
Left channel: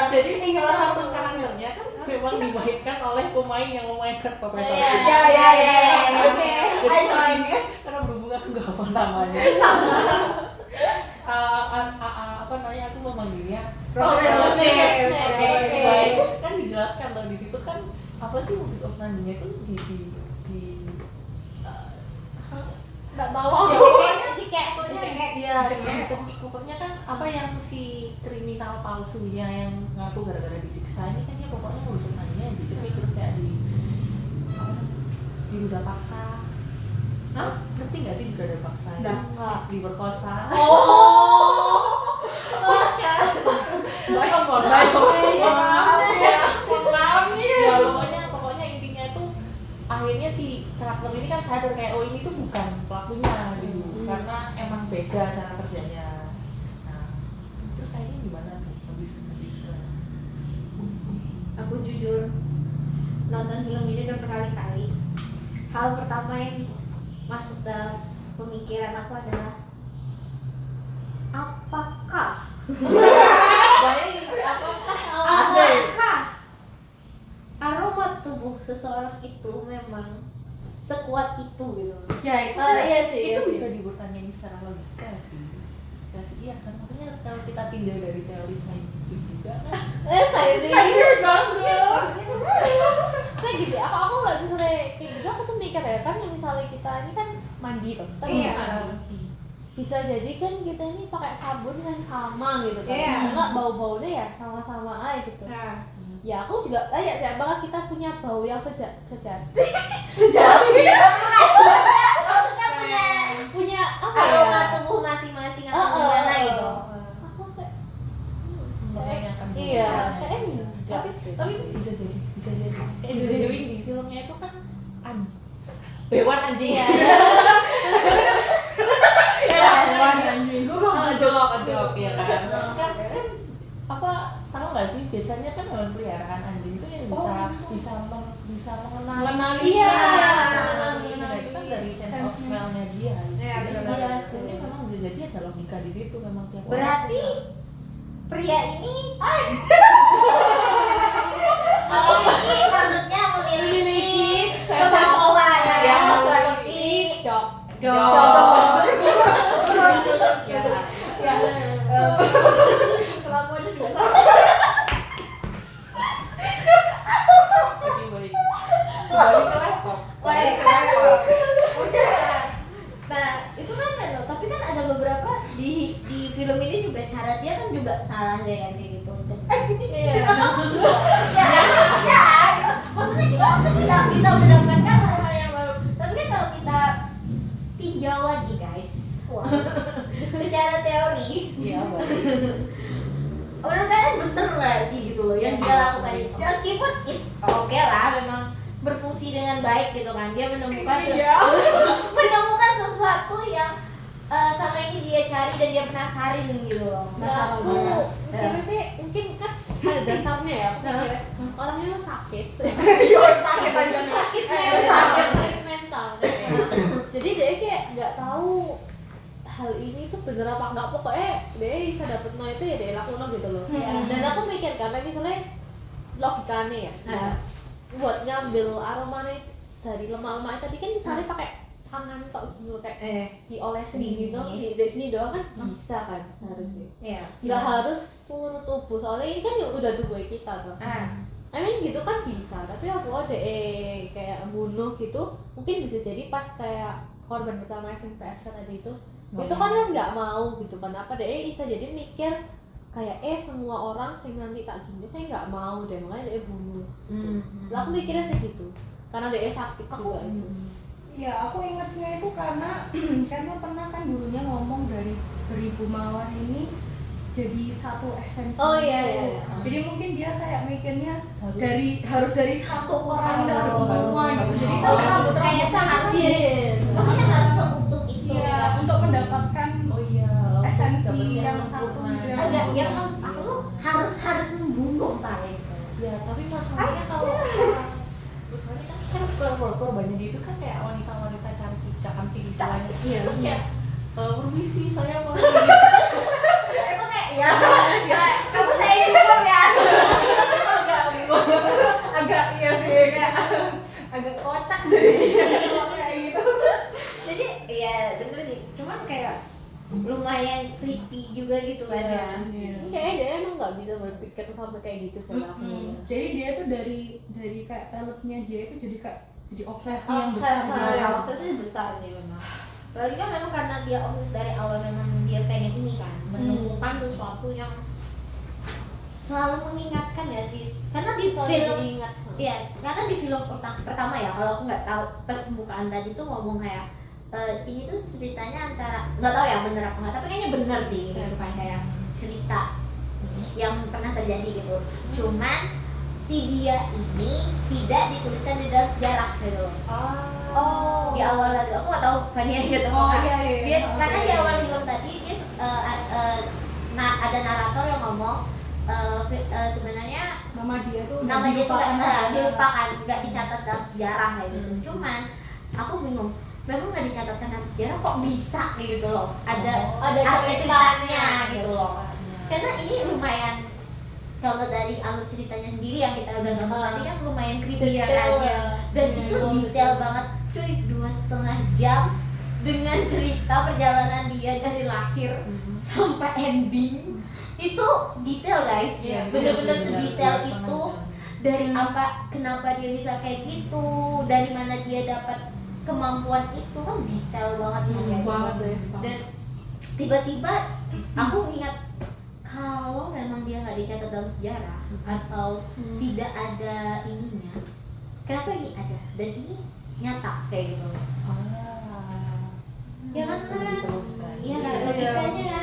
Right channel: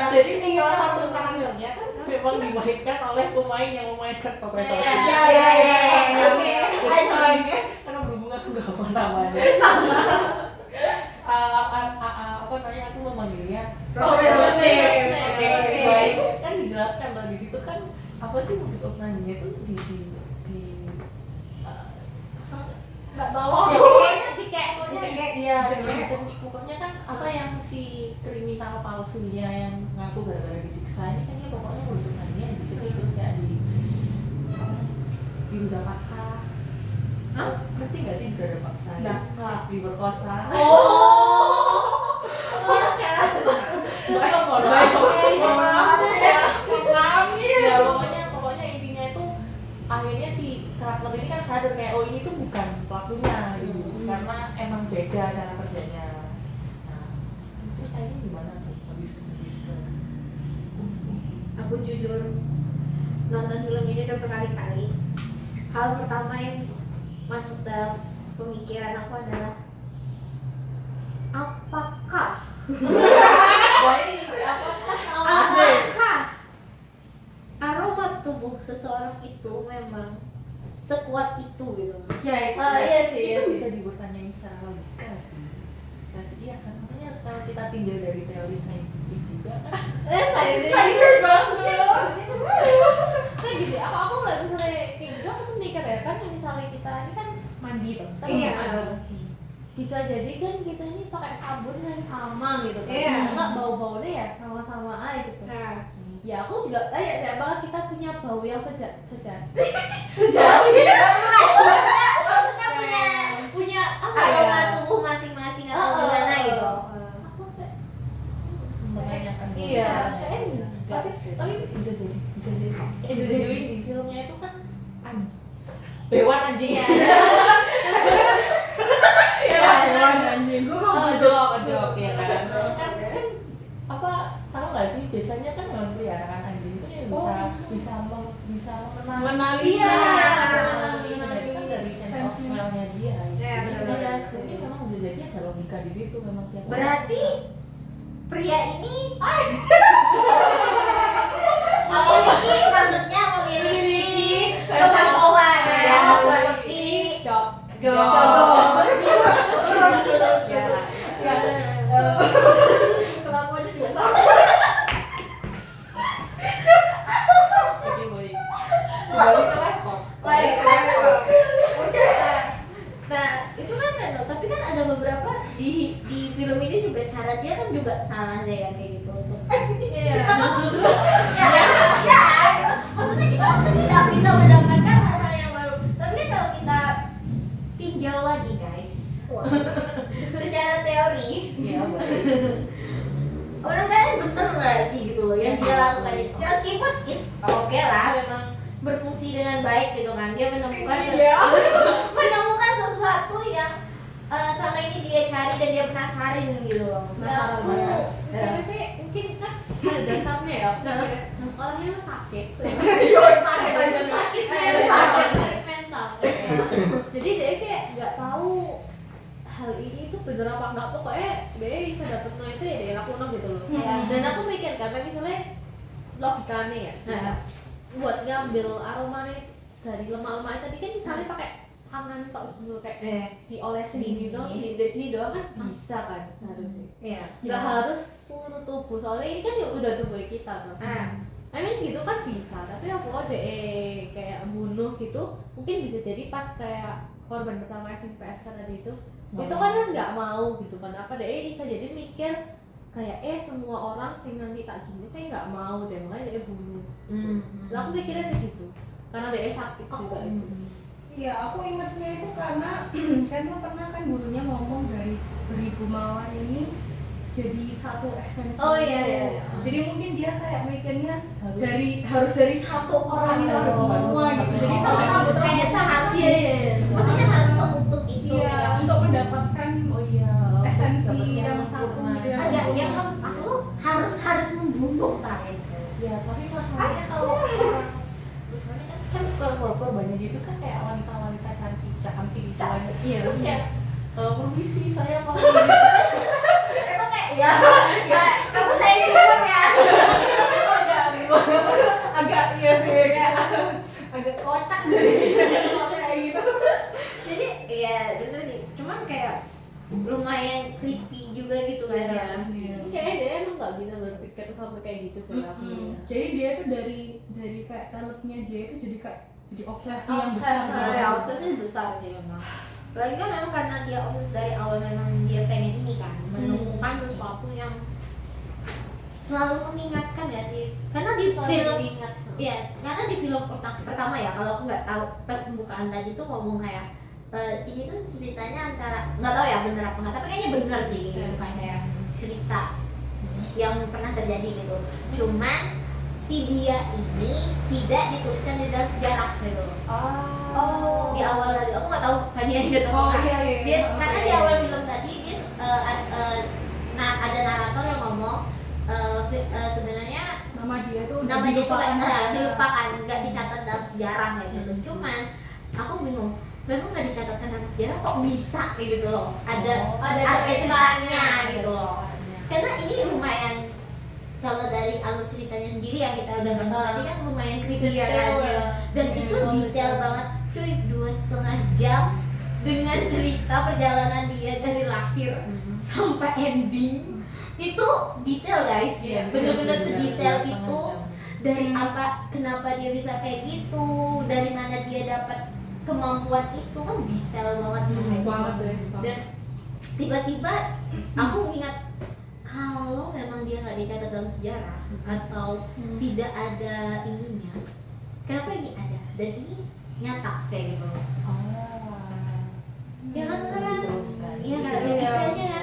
Jadi salah satu karakternya kan memang dimainkan oleh pemain yang memainkan profesor. Karena berhubung aku nggak hafal namanya. Apa namanya, aku memanggilnya Profesor Snape. Baik, kan dijelaskan bahwa di situ kan apa sih modus operandinya itu Nggak tahu. Jadi kayak iya, pokoknya kan apa yang si kriminal palsunya yang ngaku gara-gara disiksa ini kan dia pokoknya modus operandinya di situ terus kayak diruda paksa. Ngerti nggak sih diruda paksa? Nggak. Diperkosa. Ya pokoknya intinya itu akhirnya si karakter ini kan sadar kayak oh ini tuh bukan pelakunya gitu karena emang beda cara kerjanya. Nah terus akhirnya gimana tuh habis Aku jujur nonton film ini udah berkali-kali. Hal pertama yang masuk dalam pemikiran aku adalah apakah aroma tubuh seseorang itu memang sekuat itu gitu. Ya itu. iya sih, iya itu sih. bisa dipertanyain secara logika sih. Ya sih, iya kan maksudnya setelah kita tindak dari teori saintifik juga kan Saya sendiri kayak gitu. Aku nggak misalnya kayak gitu, aku tuh mikir ya kan misalnya kita ini kan mandi tuh, kita Iya. mandi. Bisa jadi kan kita ini pakai sabun yang sama gitu kan, Iya. nggak bau-baunya ya sama-sama aja gitu. Nah, Ya aku juga tanya siapa kita punya bau yang sejati. maksudnya Punya apa aroma ya? tubuh masing-masing atau gimana gitu. Aku kayak menanyakan iya, bagaimana. kayak enggak sih. Tapi bisa jadi Angelina Jolie di filmnya itu kan hewan anjing. Iya. Adok ya kan. Kan apa tahu nggak sih biasanya kan hewan peliharaan anjing itu yang bisa mengenali. Iya. Nah, itu kan dari sense of smell-nya dia. Iya, Jadi benar. ini memang bisa jadi ada logika di situ memang tiap orang. Berarti pria ini memiliki kemampuan seperti Jodoh. Kelakuannya juga sama. Jadi baik. Kembali ke laptop. baik. Nah, itu kan random, tapi kan ada beberapa di film ini juga cara dia kan juga salah sih kan kayak gitu untuk Iya. gitu. Maksudnya kita kan tidak bisa mendapatkan hal-hal yang baru. Tapi kan kalau kita tinjau lagi guys, secara teori, Iya, boleh. menurut kalian bener nggak sih gitu loh yang dia lakukan itu? Meskipun oke lah, memang berfungsi dengan baik gitu kan, dia menemukan menemukan sesuatu yang sama ini dia cari dan dia penasarin gitu loh. Masalah. Mungkin sih mungkin kan ada dasarnya ya. Mikir orang ini sakit. Sakit mental. Jadi dia kayak nggak tahu hal ini tuh bener apa enggak, pokoknya dia bisa dapet no itu ya dia lakukan gitu loh. Dan aku mikir karena misalnya logikanya ya, buat ngambil aroma nih dari lemak-lemak tadi kan misalnya pakai tangan kok gitu kayak diolesin gitu, di sini doang kan bisa kan seharusnya. Iya. Nggak harus seluruh tubuh, soalnya ini kan ya udah tubuh kita tuh. I mean gitu kan bisa, tapi aku kayak bunuh gitu, mungkin bisa jadi pas kayak korban pertama SPS kan tadi itu kan mas nggak mau gitu kan, apa deh bisa jadi mikir kayak semua orang sih nanti tak gini kayak nggak mau deh, makanya dia bunuh. Lah aku mikirnya segitu, karena dia sakit juga itu. Iya, aku ingatnya itu karena pernah kan gurunya ngomong dari beribu mawar ini jadi satu esensi. Oh, iya, iya. Jadi mungkin dia kayak mikirnya Harus. harus dari satu orang itu harus semua gitu. Jadi Oh, sampai kayak kebetulan seharusnya maksudnya harus seutuh itu iya ya. untuk mendapatkan Oh iya, esensi dapet yang sempurna. satu gitu ya. Agak yang maksud aku tuh harus membunuh talent. Ya, tapi masalahnya kalau misalnya kan korbannya itu kan kayak wanita-wanita cantik istilahnya. Iya. Terus kayak permisi saya mau Itu kayak ya Kamu saya syukur ya. agak iya sih kayak agak kocak dari kayak gitu. Jadi ya bener nih. Cuman kayak lumayan creepy juga gitu kan ya. Kayaknya dia emang nggak bisa berpikir sampai kayak gitu sih. Jadi dia tuh dari kayak talentnya dia itu jadi kayak jadi obsesi yang besar. Ya, obsesinya besar sih memang. Apalagi kan memang karena dia obses dari awal memang dia pengen ini kan menemukan sesuatu yang selalu mengingatkan ya sih. Karena di film diingat. iya, karena di film pertama ya kalau aku nggak tahu pas pembukaan tadi tuh ngomong kayak ini tuh ceritanya antara nggak tahu ya bener apa nggak tapi kayaknya bener sih gitu. Bukan kayak cerita yang pernah terjadi gitu. Cuman si dia ini tidak dituliskan di dalam sejarah gitu. Oh. Di awal tadi aku nggak tahu kan ya gitu Oh, nggak. iya, iya. Dia Oh, karena iya, di iya. awal film tadi dia ada narator yang ngomong sebenarnya Nama dia tuh udah nama dia tuh dilupakan nggak aja. dilupakan, nggak dicatat dalam sejarah kayak gitu. Cuman aku bingung, memang nggak dicatatkan dalam sejarah kok bisa kayak gitu loh. Ada ceritanya gitu loh. Karena ini lumayan kalau dari alur ceritanya sendiri yang kita udah nonton tadi kan lumayan creepy ya kan. Dan itu detail banget, cuy 2,5 jam dengan cerita perjalanan dia dari lahir sampai ending. Itu detail guys, Iya, bener-bener bener, sedetail 2,5 itu. jam. Dari kenapa dia bisa kayak gitu, dari mana dia dapat kemampuan itu kan detail banget ya kayak Banget gitu. deh. Dan tiba-tiba aku ingat kalau memang dia nggak dicatat dalam sejarah atau tidak ada ininya, kenapa ini ada dan ini nyata kayak gitu. Ya kan beneran? Iya kan, logikanya ya.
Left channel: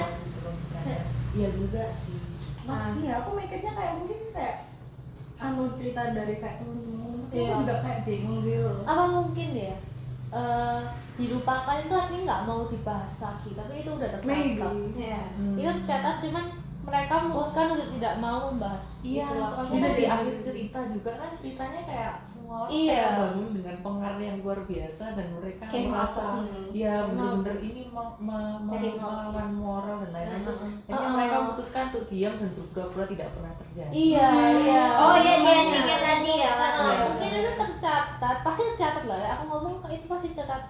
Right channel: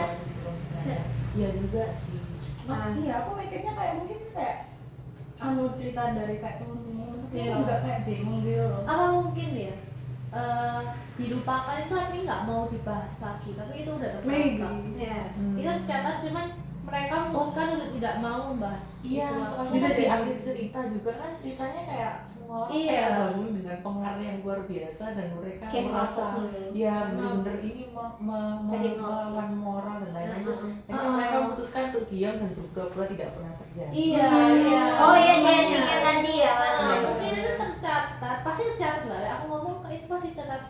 Iya juga sih. Iya, aku mikirnya kayak mungkin kayak cerita dari kayak temen-temen aku Iya. juga kayak bingung gitu loh. Apa mungkin ya dilupakan itu artinya nggak mau dibahas lagi, tapi itu udah tercatat. Maybe. Ya. Itu tercatat, cuman mereka memutuskan untuk tidak mau membahas. Iya, Gitu. soalnya Bisa kan di jadi. akhir cerita juga kan ceritanya kayak semua orang Iya. kayak bangun dengan pengaruh yang luar biasa dan mereka Kayak merasa mabuk. ya bener-bener ini melawan moral dan lain-lain terus akhirnya mereka memutuskan untuk diam dan berpura-pura tidak pernah terjadi. Iya, iya. Oh iya dia Makanya. endingnya tadi ya. Mungkin itu tercatat, pasti tercatat lah ya. Aku ngomong itu pasti tercatat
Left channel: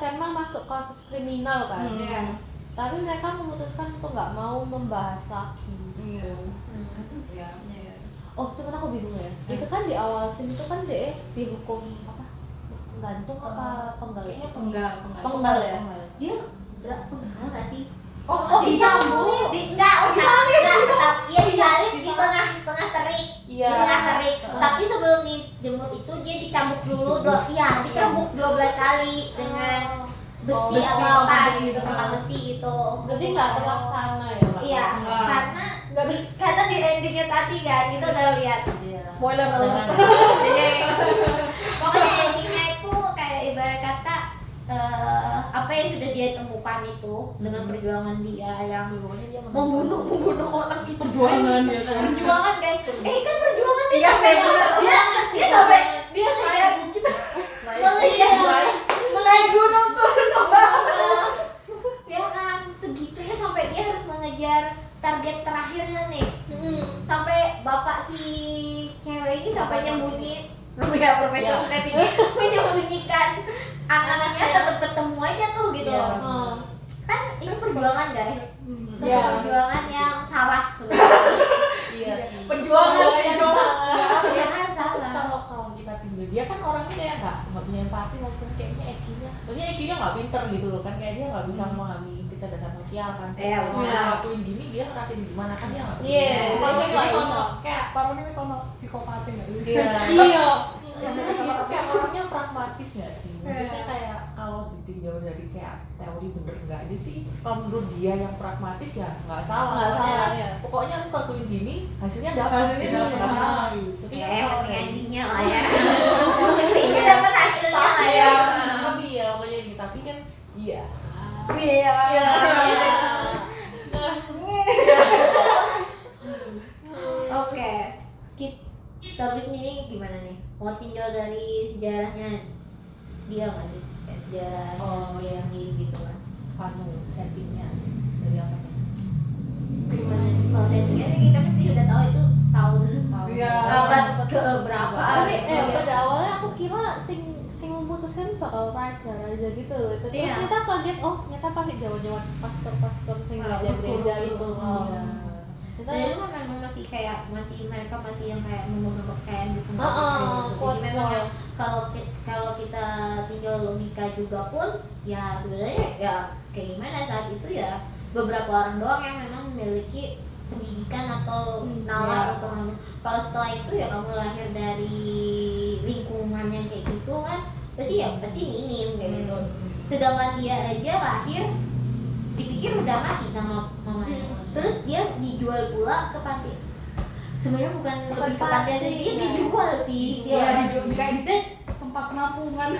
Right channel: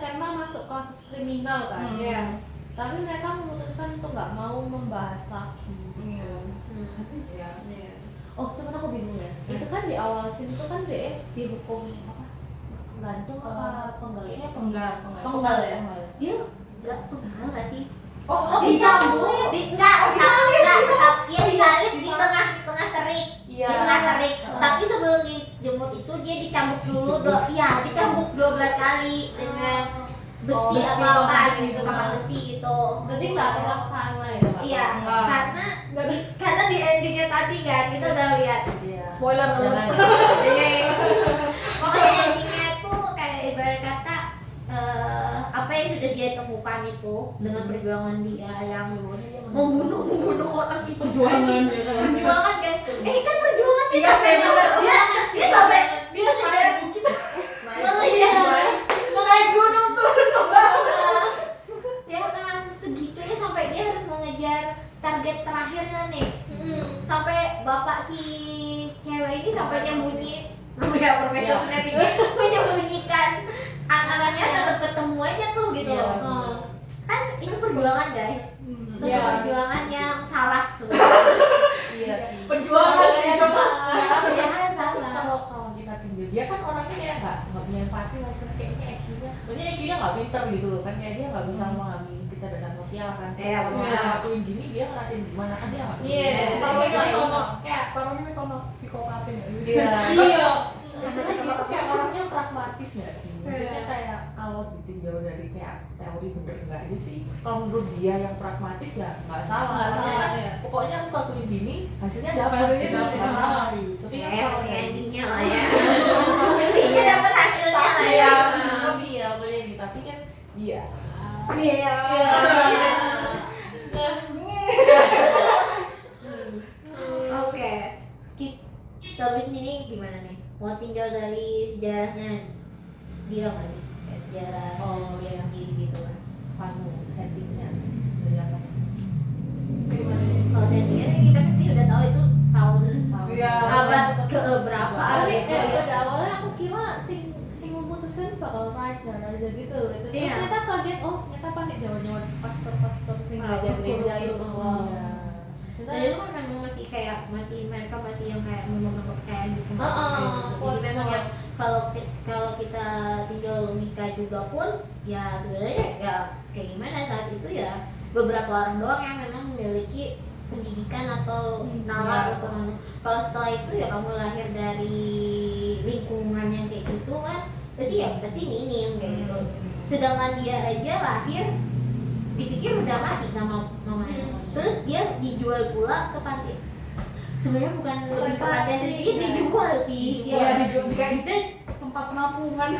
karena masuk kasus kriminal kan. Iya. Tapi mereka memutuskan untuk nggak mau membahas lagi. Iya. Iya. Oh, cuman aku bingung ya. Itu kan di awal scene itu kan dia dihukum apa? Gantung apa penggal? Kayaknya Penggal. Penggal ya. Dia pernah nggak sih? Oh, disambung. Enggak, iya disalib di tengah terik. Iya. Di tengah terik. Tapi sebelum dijemur itu dia dicambuk dulu dicambuk 12 kali dengan besi besi, atau tongkat apa besi, gitu, tongkat besi gitu. Berarti nggak terlaksana ya? Iya, Nggak. karena di endingnya tadi kan kita udah lihat. Iya. Spoiler Jangan. alert. Jadi, pokoknya endingnya itu kayak ibarat kata apa yang sudah dia temukan itu dengan perjuangan dia yang membunuh orang itu Perjuangan ya kan. perjuangan guys kan perjuangan dia Iya, sampai bener. dia sampai dia ngejar Naik gunung tuh. ya kan segitunya sampai dia harus mengejar target terakhirnya nih sampai bapak si cewek ini sampai nyembunyi Profesor Snape ini menyembunyikan anaknya tetap ketemu aja tuh gitu Iya. loh. Kan itu perjuangan guys, Iya. sebuah perjuangan yang salah sebenarnya. Iya sih. Perjuangan sih coba. Ya kan Tapi salah. kalau kita tinggal dia kan orangnya kayak nggak punya empati lah kayaknya EQ-nya maksudnya EQ-nya nggak pinter gitu loh kan kayak dia nggak bisa memahami kecerdasan sosial kan Iya, kalau benar. dia ngelakuin gini dia ngerasain gimana kan dia nggak Iya. Separuhnya Kayak sono. kayak Separuhnya sono psikopatin ya. iya Iya. maksudnya dia tuh kayak orangnya praktis pragmatis nggak sih? Maksudnya kayak kalau ditinjau dari kayak teori bener enggaknya sih, kalau menurut dia yang pragmatis ya nggak salah. Nggak Soalnya salah, kan ya. pokoknya aku lakuin gini, hasilnya dapat, Hasilnya gitu, dapat. nggak salah gitu. Tapi Ya, kan yang kalau penting dari endingnya lah ya. Intinya dapat hasilnya lah tapi ya. tapi ya pokoknya gitu. Tapi kan iya. Iya. Oke, terus ini gimana nih? Mau tinjau dari sejarahnya dia nggak sih? Kayak sejarah dia sendiri gitu kan? Settingnya dari apa? Gimana nih? Kalau settingnya sih kita pasti udah tahu itu tahun Iya. berapa ke berapa? Tapi gitu. pada awalnya aku kira sing memutuskan bakal raja gitu. Tapi Iya. ternyata kaget, oh ternyata pasti zaman pastor sing gereja itu. Dan itu kan memang masih kayak mereka masih yang kayak memegang kepercayaan gitu. Jadi memang yang kalau kita tinjau logika juga pun ya sebenarnya ya kayak gimana saat itu ya beberapa orang doang yang memang memiliki pendidikan atau nalar untuk kalau setelah itu ya kamu lahir dari lingkungan yang kayak gitu kan pasti minim kayak gitu. Sedangkan dia aja lahir dipikir udah mati sama mamanya. Terus dia dijual pula ke panti. Sebenarnya bukan lebih ke panti aja, dia dijual sih. Iya, dijual kayak di tempat penampungan.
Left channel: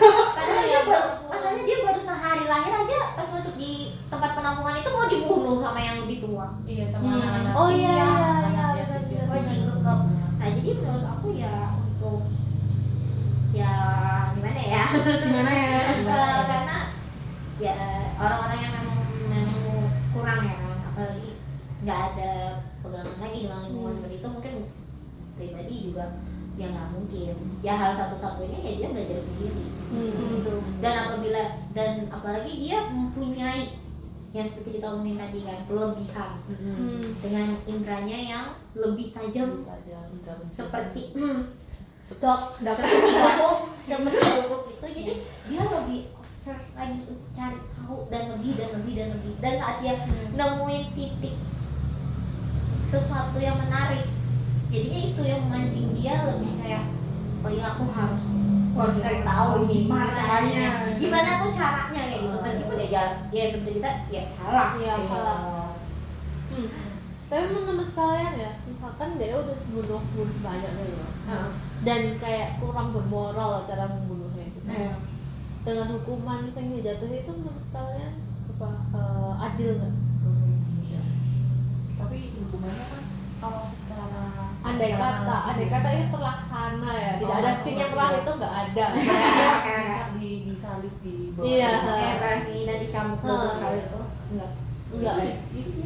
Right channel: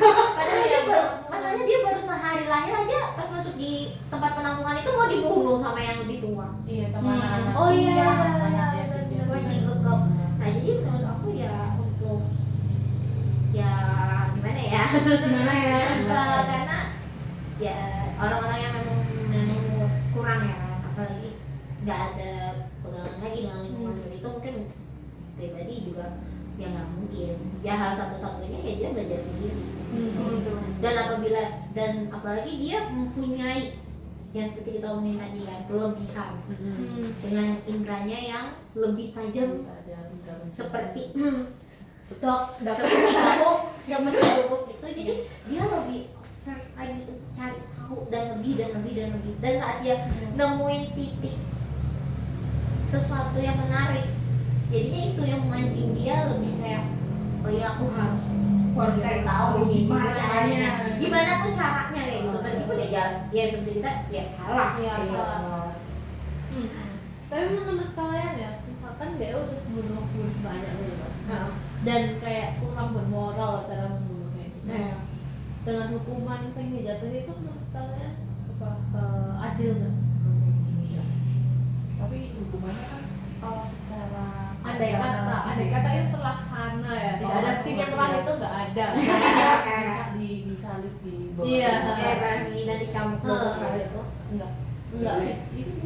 Masalahnya dia baru sehari lahir aja pas masuk di tempat penampungan itu mau dibunuh sama yang lebih tua. Iya sama anak-anak. Oh iya, anak iya, yatim iya, Oh dikekep. Nah jadi menurut aku ya untuk ya gimana ya? Gimana ya? Karena ya orang-orang yang memang kurang ya kan, apalagi nggak ada pegangan lagi dengan lingkungan seperti itu mungkin pribadi juga ya nggak mungkin ya hal satu-satunya ya dia belajar sendiri dan apalagi dia mempunyai yang seperti kita omongin tadi kan kelebihan dengan indranya yang lebih tajam seperti seperti guguk itu jadi dia lebih search lagi cari tahu dan lebih dan saat dia nemuin titik sesuatu yang menarik jadinya itu yang memancing dia lebih kayak oh ya aku harus cari tahu nih gimana pun caranya kayak gitu meskipun dia jalan ya seperti kita ya salah Tapi menurut kalian ya, misalkan dia udah bunuh banyak gitu dan kayak kurang bermoral cara membunuhnya itu. Dengan hukuman yang dijatuhi itu menurut kalian adil nggak? Tapi hukumannya kan kalau secara Andai kata itu terlaksana ya, tidak ada scene yang terakhir itu nggak ada. bisa disalib di bawah. Iya. kayak Barney dan dicambuk 12 kali itu enggak Itu dia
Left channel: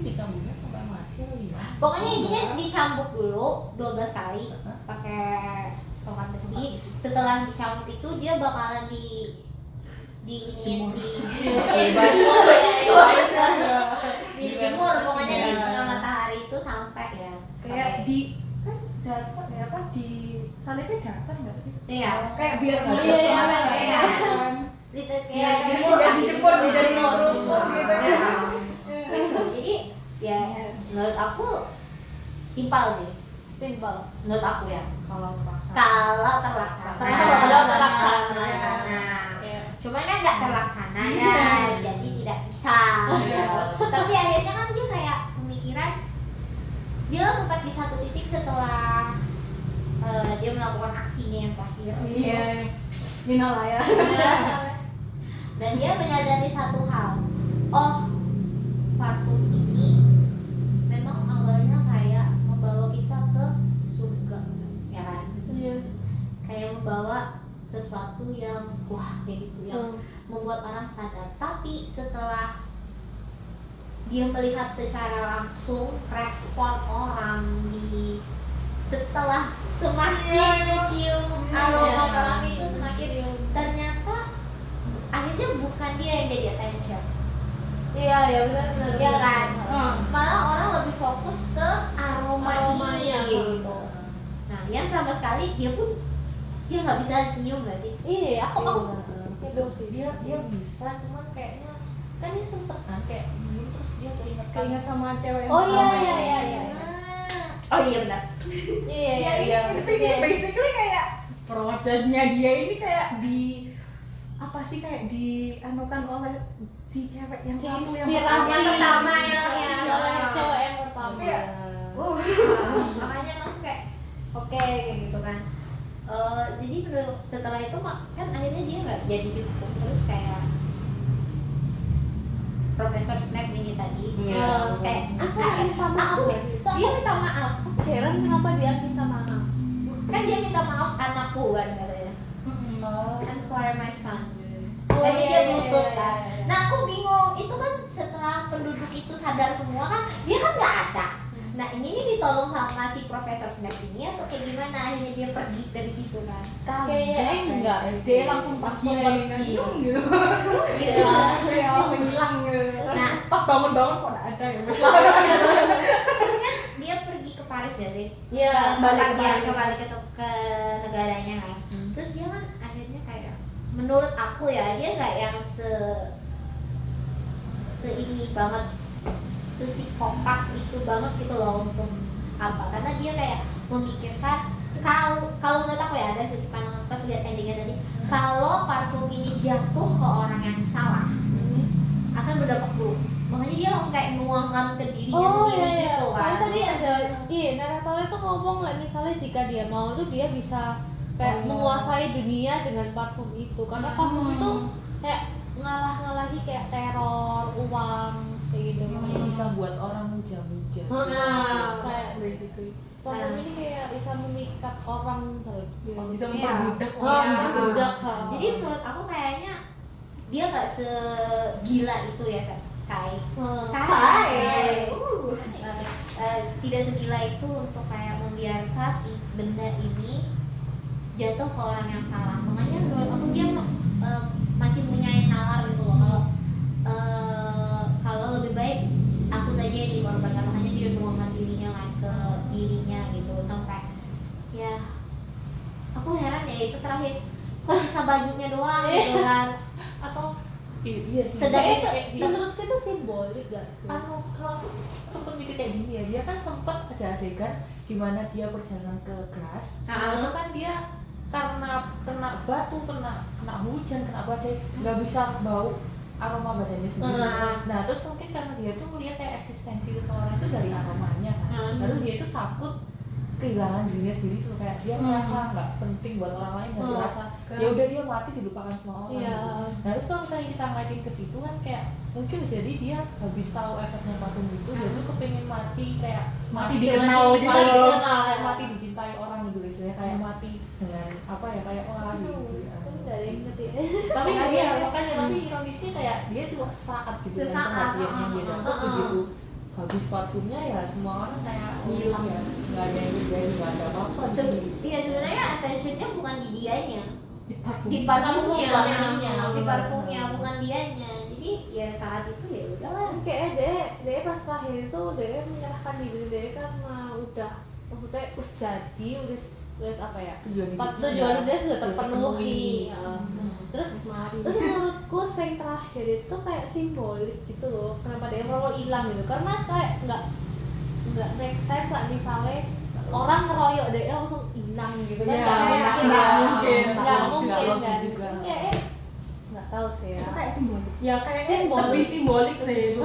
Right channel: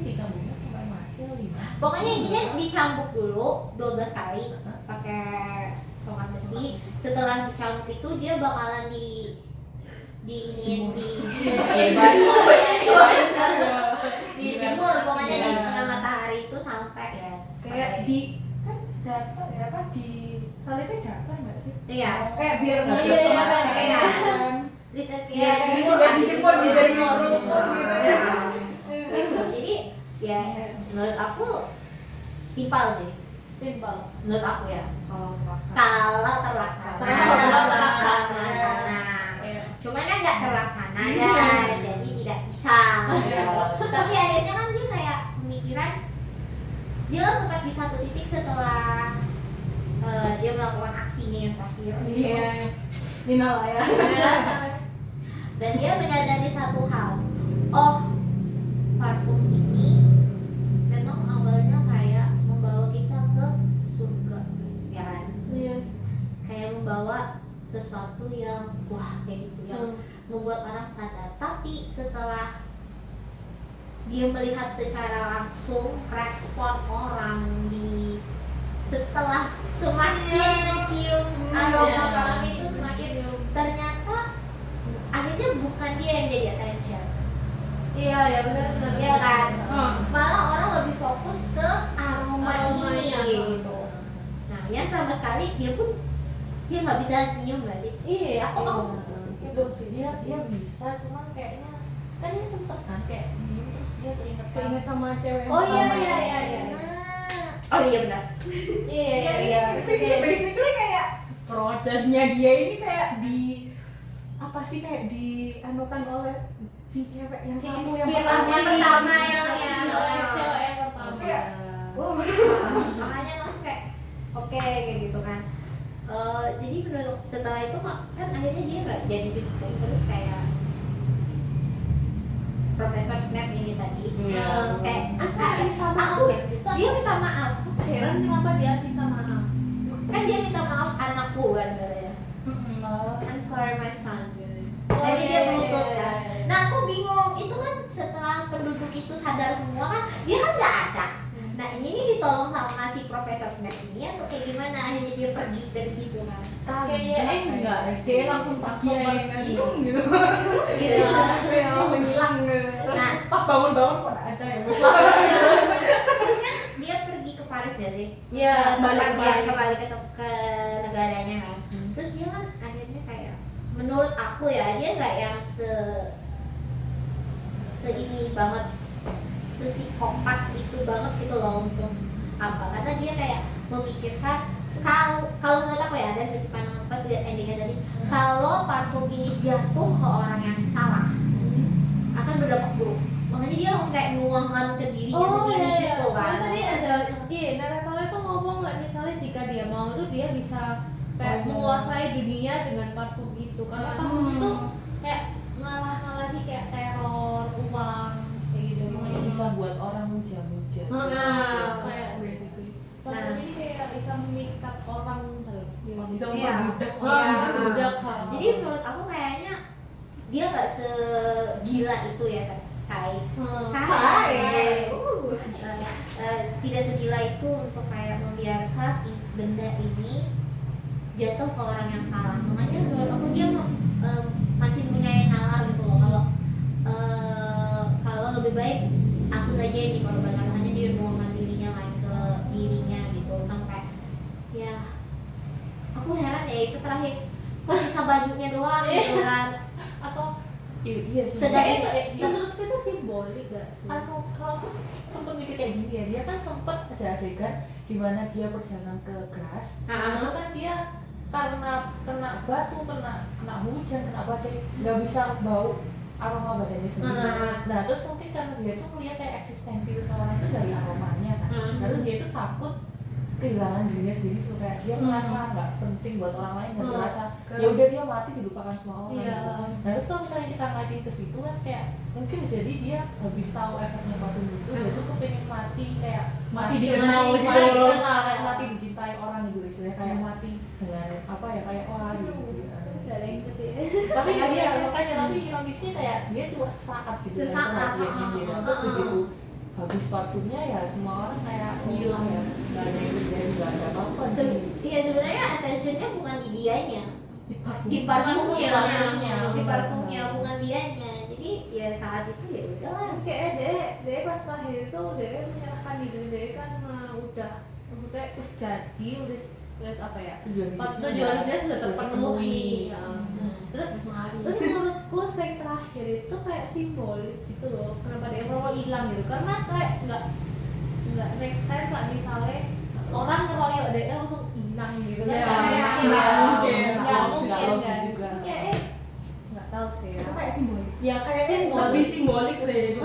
dicambuknya sampai mati atau gimana? pokoknya intinya dicambuk dulu 12 kali pakai tongkat besi setelah dicambuk itu dia bakalan dijemur pokoknya di tengah matahari itu sampai ya Kayak di kan datar ya apa di salibnya datar nggak sih? iya Kayak biar Iya, iya. kayak dijemur dijadi lumpur gitu. jadi ya menurut aku setimpal sih Simpel. menurut aku ya Kalau terasa kalau terlaksana cuman kan nggak terlaksana guys jadi tidak bisa tapi akhirnya kan dia kayak pemikiran dia kan sempat di satu titik setelah dia melakukan aksinya yang terakhir Iya. Minal ya. dan dia menyadari satu hal oh parfum ini memang awalnya kayak membawa kita ke surga ya kan kayak membawa sesuatu yang wah kayak gitu yang membuat orang sadar tapi setelah dia melihat secara langsung respon orang setelah semakin mencium aroma orang itu semakin ternyata akhirnya bukan dia yang jadi attention Iya, ya benar. ya kan malah orang lebih fokus ke aroma ini gitu nah yang sama sekali dia nggak bisa nyium nggak sih Iya, aku itu sih dia bisa cuman kayaknya kan dia sempet kan kayak dulu terus dia keinget sama cewek. Oh iya. oh iya benar Iya. Itu basically kayak projectnya dia ini kayak apa sih kayak dianukan oleh si cewek yang satu yang Inspirasi yang pertama yang cewek yang pertama. Kayak, wow. makanya langsung kayak oke kayak gitu kan. Jadi menurut setelah itu kan akhirnya dia nggak jadi dihukum, terus kayak Profesor Snape ini tadi kayak minta maaf ya. dia minta maaf. Heran kenapa dia minta maaf. Kan dia minta maaf anakku kan katanya. I'm sorry my son. Jadi dia menuntut kan. Nah aku bingung, itu kan setelah penduduk itu sadar semua kan, dia kan nggak ada. Nah ini ditolong sama si Profesor Snape ini atau kayak gimana, akhirnya dia pergi dari situ kan. Kayaknya enggak. Dia langsung pergi gitu. Gitu. Ya, langsung hilang gitu. Nah. Pas bangun-bangun kok nggak ada ya. Kan dia pergi ke Paris ya sih? Iya, balik ke Paris. kembali ke negaranya kan. Terus dia kan akhirnya kayak, menurut aku ya dia nggak yang ini banget, sesikopat itu banget gitu loh untuk apa? Karena dia kayak memikirkan kalau menurut aku ya, dari segi pandangan pas lihat endingnya tadi, kalau parfum ini jatuh ke orang yang salah akan berdampak buruk. Makanya dia langsung kayak nuangkan ke dirinya sendiri gitu kan. Soalnya tadi ada, naratornya tuh ngomong lah, misalnya jika dia mau tuh dia bisa kayak menguasai dunia dengan parfum itu, karena parfum itu kayak ngalah-ngalahi kayak teror, uang, kayak gitu. Makanya bisa buat orang muja-muja. Kayak basically. parfum ini kayak bisa memikat orang Bisa Iya. memperbudak Iya, orang gitu. memperbudak. Jadi menurut aku kayaknya dia nggak segila itu ya, Sai. Tidak segila itu untuk kayak membiarkan benda ini jatuh ke orang yang salah. Makanya menurut aku dia masih punya nalar gitu loh. Kalau lebih baik aku saja yang dikorbankan, makanya dia menuangkan dirinya kan ke dirinya gitu, sampai ya aku heran ya itu terakhir kok sisa bajunya doang gitu kan. Atau Iya sih. Sedangkan kayak dia menurutku itu simbolik gak sih? kalau aku sempet mikir kayak gini ya, dia kan sempet ada adegan dimana dia perjalanan ke kelas. Itu kan dia karena kena batu, kena hujan, kena badai, nggak bisa bau aroma badannya sendiri. Nah terus mungkin karena dia tuh ngeliat kayak eksistensi seseorang itu dari aromanya kan, lalu dia itu takut kehilangan dirinya sendiri tuh, kayak dia merasa nggak penting buat orang lain, dan merasa ya udah dia mati dilupakan semua orang. Iya. Gitu. Nah terus kalau misalnya kita ngaitin ke situ kan kayak mungkin bisa jadi dia habis tahu efeknya parfum itu, dia tuh kepengen mati, kayak Mati dikenal gitu. kayak mati dicintai orang gitu, istilahnya kayak mati dengan apa ya, kayak wah gitu. Gak ada yang gede. Tapi dia makanya, tapi ironisnya kayak dia cuma sesaat gitu, Sesaat, kan perhatian yang dia dapat begitu habis parfumnya ya semua orang kayak hilang ya, nggak ada yang terjadi, nggak ada apa-apa sih. Iya sebenarnya attentionnya bukan di dianya, Di parfum. di parfumnya, Parfumnya. di parfumnya bukan dianya. Jadi ya saat itu ya udahlah. Kayak dia pas terakhir itu dia menyerahkan diri, dia kan udah maksudnya jadi udah apa ya, tujuan dia sudah terpenuhi. Terus menurutku yang terakhir itu kayak simbolik gitu loh, kenapa dia mau hilang gitu, karena kayak nggak make sense lah misalnya orang ngeroyok dia langsung hilang gitu kan. Iya, Kayak nggak mungkin. nggak mungkin Nggak logis kan juga. kayak nggak tahu sih Itu kayak simbolik. Ya kayak Simbolik. lebih simbolik sih itu.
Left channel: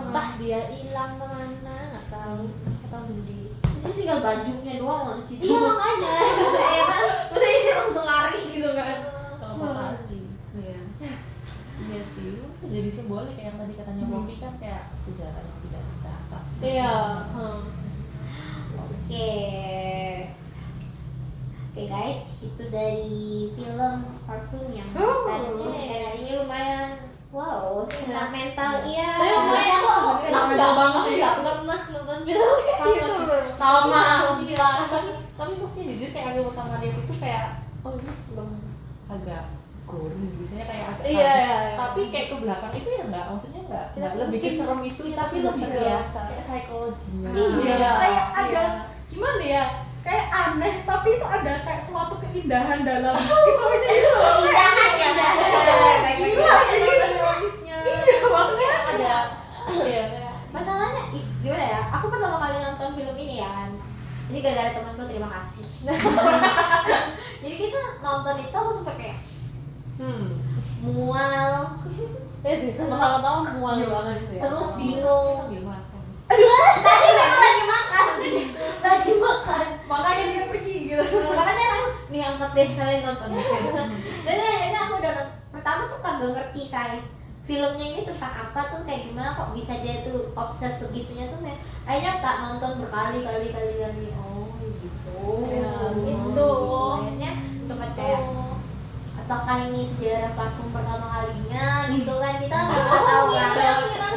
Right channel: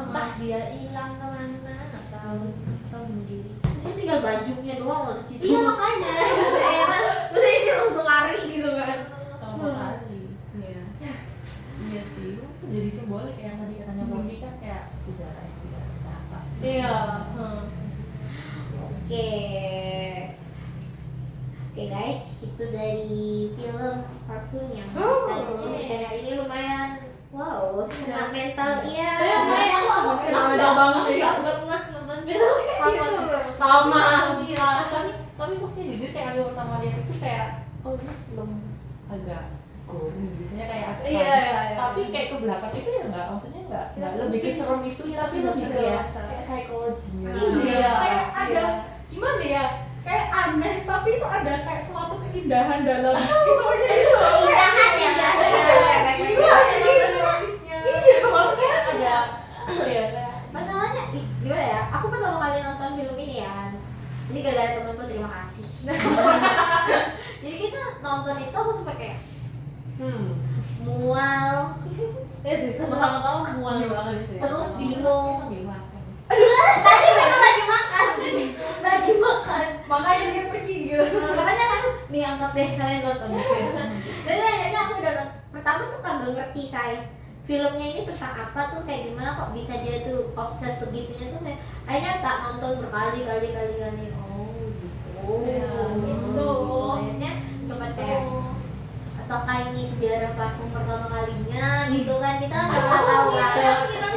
entah dia hilang kemana nggak tahu atau beli. Terus tinggal bajunya doang loh di situ. Iya makanya ya kan. Maksudnya dia langsung lari gitu kan. Sama tadi. Iya sih, jadi simbolik kayak yang tadi katanya Bobby kan kayak sejarah yang tidak tercatat. iya. Oke. Oke guys, itu dari film Parfum yang kita diskusikan hari ini lumayan. Wow, sentimental iya. Lumayan kok. Sentimental banget sih. Nggak pernah nonton film Sama sih, Sama. Iya, tapi maksudnya jujur kayak aku sama dia itu kayak oh ini film agak gory, biasanya kayak agak Iya, sadis. iya. Tapi kayak ke belakang itu ya nggak, maksudnya nggak lebih mungkin keserem itu ya, tapi lebih ke dewasa. kayak psikologinya. Iya, kayak ada Iya. gimana ya? Kayak aneh, tapi itu ada kayak suatu keindahan dalam itu aja gitu. Keindahan ya. Gila sih. Psikologisnya. Iya, makanya Ada iya kayak Masalahnya gimana ya? Aku pertama kali nonton film ini ya. Ini gara-gara temanku, terima kasih. Jadi kita nonton itu aku sampai kayak mual, sih pertama-tama mual banget sih. terus bingung. Sambil makan. Tadi memang lagi makan, lagi makan. Makanya dia pergi gitu. Makanya aku nih angkat deh kalian nonton film. Jadi akhirnya aku udah pertama tuh kagak ngerti saya filmnya ini tentang apa tuh, kayak gimana kok bisa dia tuh obses segitunya tuh. Akhirnya tak nonton berkali-kali. Oh gitu. Ya, gitu. Akhirnya sempat kayak apakah ini sejarah platform pertama kalinya gitu kan, kita nggak tahu kan.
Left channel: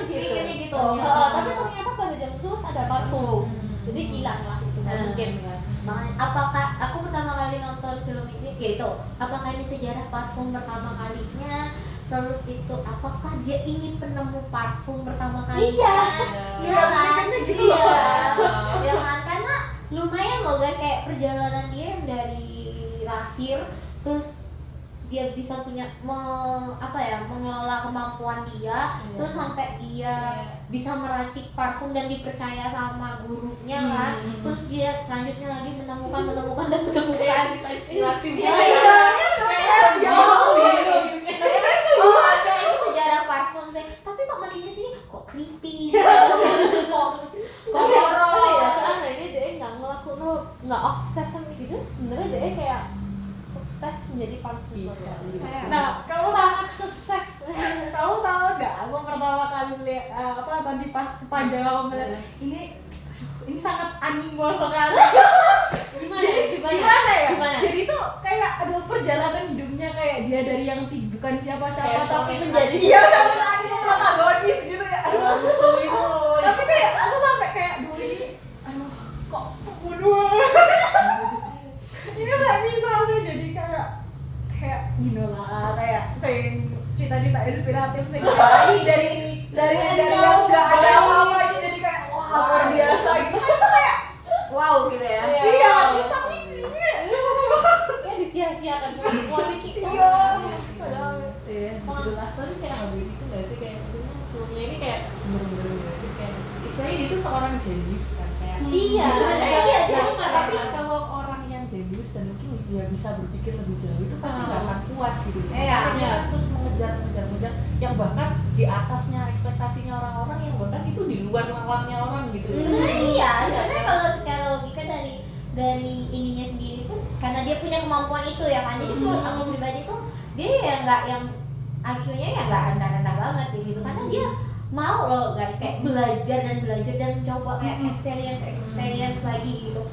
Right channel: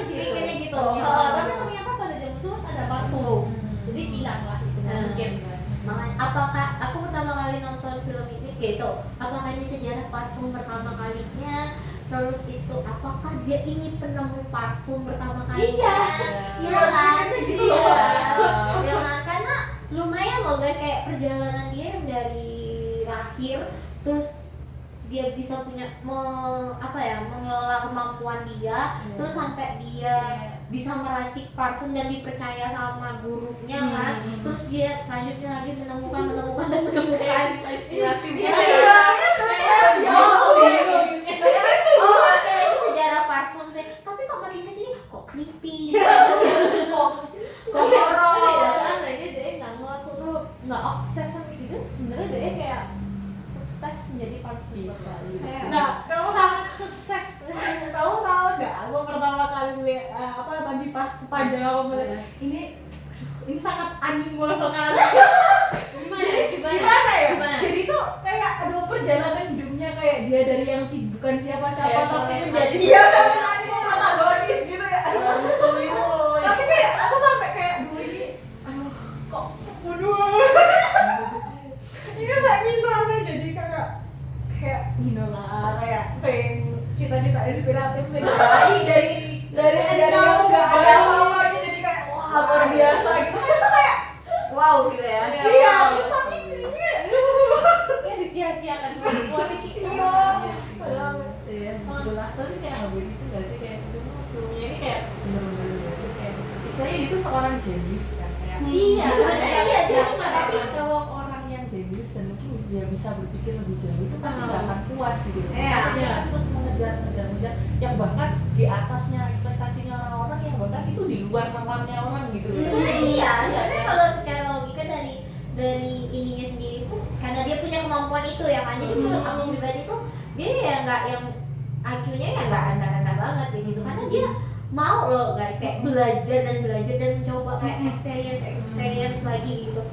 Pikirnya gitu. Tapi ternyata pada jam itu ada parfum. Jadi hilang lah itu mungkin kan. Makanya, apakah aku pertama kali nonton film ini gitu, apakah ini sejarah parfum pertama kalinya, terus itu apakah dia ini penemu parfum pertama kalinya? Iya kan, gitu iya loh. iya kan, karena lumayan loh guys, kayak perjalanan dia yang dari lahir terus dia bisa punya mengelola kemampuan dia, terus sampai dia bisa meracik parfum dan dipercaya sama gurunya kan, terus dia selanjutnya lagi menemukan dan menemukan. Inspiratif. Iya, Ya, oke. gitu. Oh, oke, ini sejarah parfum sih. Tapi kok makin kesini kok creepy, kok horor. Ya sebenarnya dia nggak obses sama gitu. Sebenarnya dia kayak sukses menjadi parfum. Bisa. Nah, kamu Sangat sukses. tahu nggak? Aku pertama kali lihat tadi pas panjang aku melihat ini sangat anime sekali. Gimana ya? Jadi tuh kayak perjalanan hidupnya kayak dia dari yang bukan siapa-siapa Kayak tapi sampai menjadi hati. dia sampai nanti protagonis gitu ya. Tapi kayak aku sampai kayak aduh kok pembunuh. Ini nggak bisa udah jadi kayak lah kayak cita-cita inspiratif sih dari yang nggak ada apa-apanya jadi kayak wah luar biasa gitu kan, itu kayak Wow gitu ya. iya terus tapi di sini Kayak disia-siakan kualitas kita. iya Iya, itulah. Tapi kayak nggak begitu nggak sih, kayak filmnya ini kayak bener-bener nggak sih, kayak istilahnya dia tuh seorang jenius kan, kayak Iya, sebenarnya iya, ya, dia tapi bener. kalau orang yang jenius dan mungkin dia bisa berpikir lebih jauh itu pasti nggak akan puas gitu. Iya. Makanya dia terus mengejar yang bahkan di atasnya ekspektasinya orang-orang, yang bahkan itu di luar nalarnya orang gitu. Sebenarnya iya, sebenarnya kan? kalau secara logika dari ininya sendiri tuh karena dia punya kemampuan itu ya kan, jadi menurut aku pribadi tuh dia ya nggak yang IQ-nya ya nggak rendah-rendah banget kayak gitu, karena dia mau loh guys kayak belajar dan mencoba kayak experience lagi gitu.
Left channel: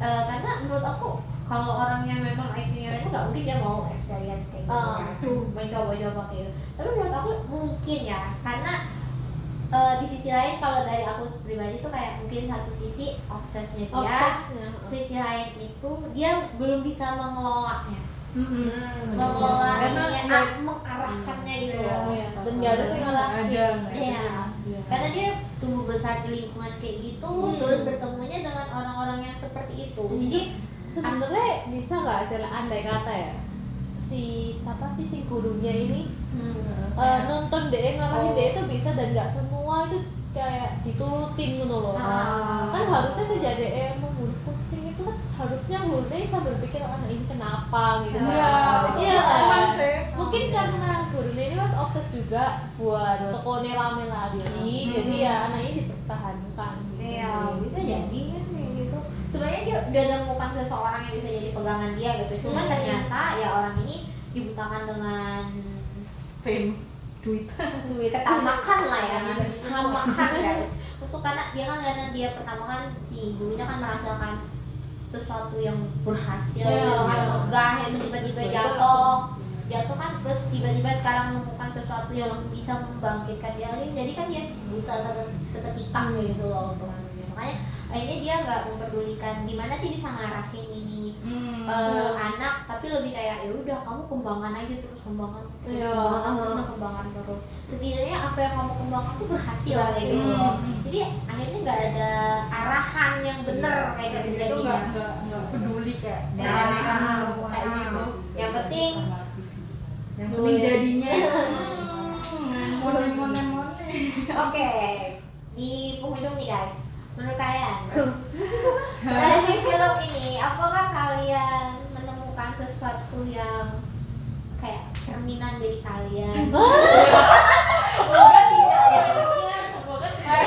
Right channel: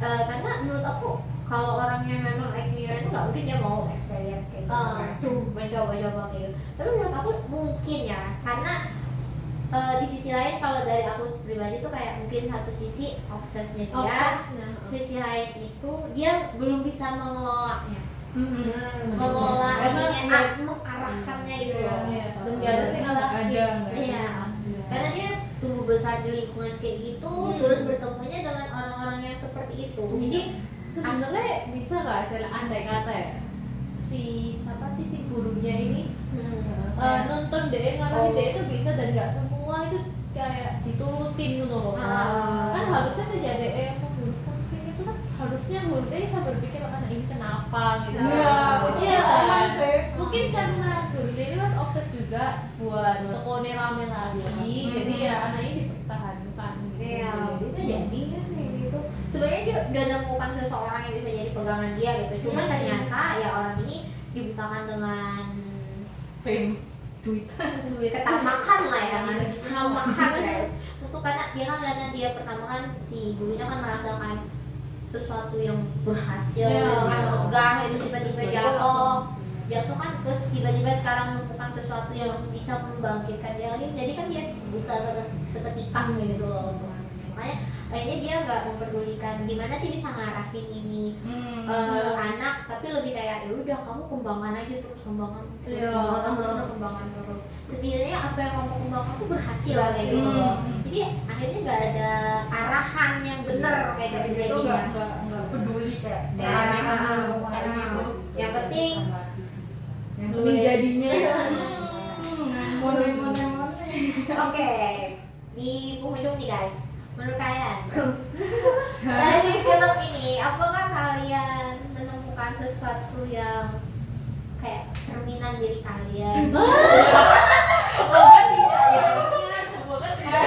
Karena menurut aku kalau orangnya memang IQ-nya itu nggak mungkin dia mau experience kayak gitu kan, mencoba-coba gitu. Tapi menurut aku mungkin ya karena di sisi lain kalau dari aku pribadi tuh kayak mungkin satu sisi obsesnya dia, sisi lain itu dia belum bisa mengelolanya, mengelola ininya, mengarahkannya gitu loh. Dan nggak ada sih ngalahin. Iya, karena dia tumbuh besar di lingkungan kayak gitu, terus bertemunya dengan orang-orang yang seperti itu. Jadi Sebenarnya bisa nggak saya andai kata ya si gurunya ini nonton dia ngelakuin dia itu bisa, dan nggak semua itu kayak diturutin gitu loh. Kan harusnya sih jadi yang membunuh kucing itu kan harusnya gurunya bisa berpikir ini kenapa gitu. Iya kan? Mungkin karena gurunya ini mas obses juga buat tokonya rame lagi, jadi ya anak ini dipertahankan. iya bisa jadi kan kayak gitu. Sebenarnya dia udah menemukan seseorang yang bisa jadi pegangan dia gitu. Cuman ternyata ya orang ini dibutakan dengan fame duit ketamakan lah ya, ketamakan guys. Untuk karena dia pertama kan si gurunya kan merasakan sesuatu yang berhasil, yang megah itu tiba-tiba jatuh kan, terus tiba-tiba sekarang menemukan sesuatu yang bisa membangkitkan dia lagi. Jadi kan dia buta seketika gitu loh untuk anunya. Makanya akhirnya dia nggak memperdulikan gimana sih bisa ngarahin ini anak, tapi lebih kayak ya udah kamu kembangkan aja terus, kembangkan terus. Setidaknya apa yang kamu kembangkan tuh berhasil kayak gitu loh. Jadi akhirnya nggak ada arahan yang benar kayak gitu itu jadinya. nggak peduli kayak Yang penting yang penting jadinya oke, di penghujung nih guys, menurut kalian dari film ini apakah kalian menemukan sesuatu yang kayak cermin berminat jadi kalian. Semoga tidak ya. Semoga tidak.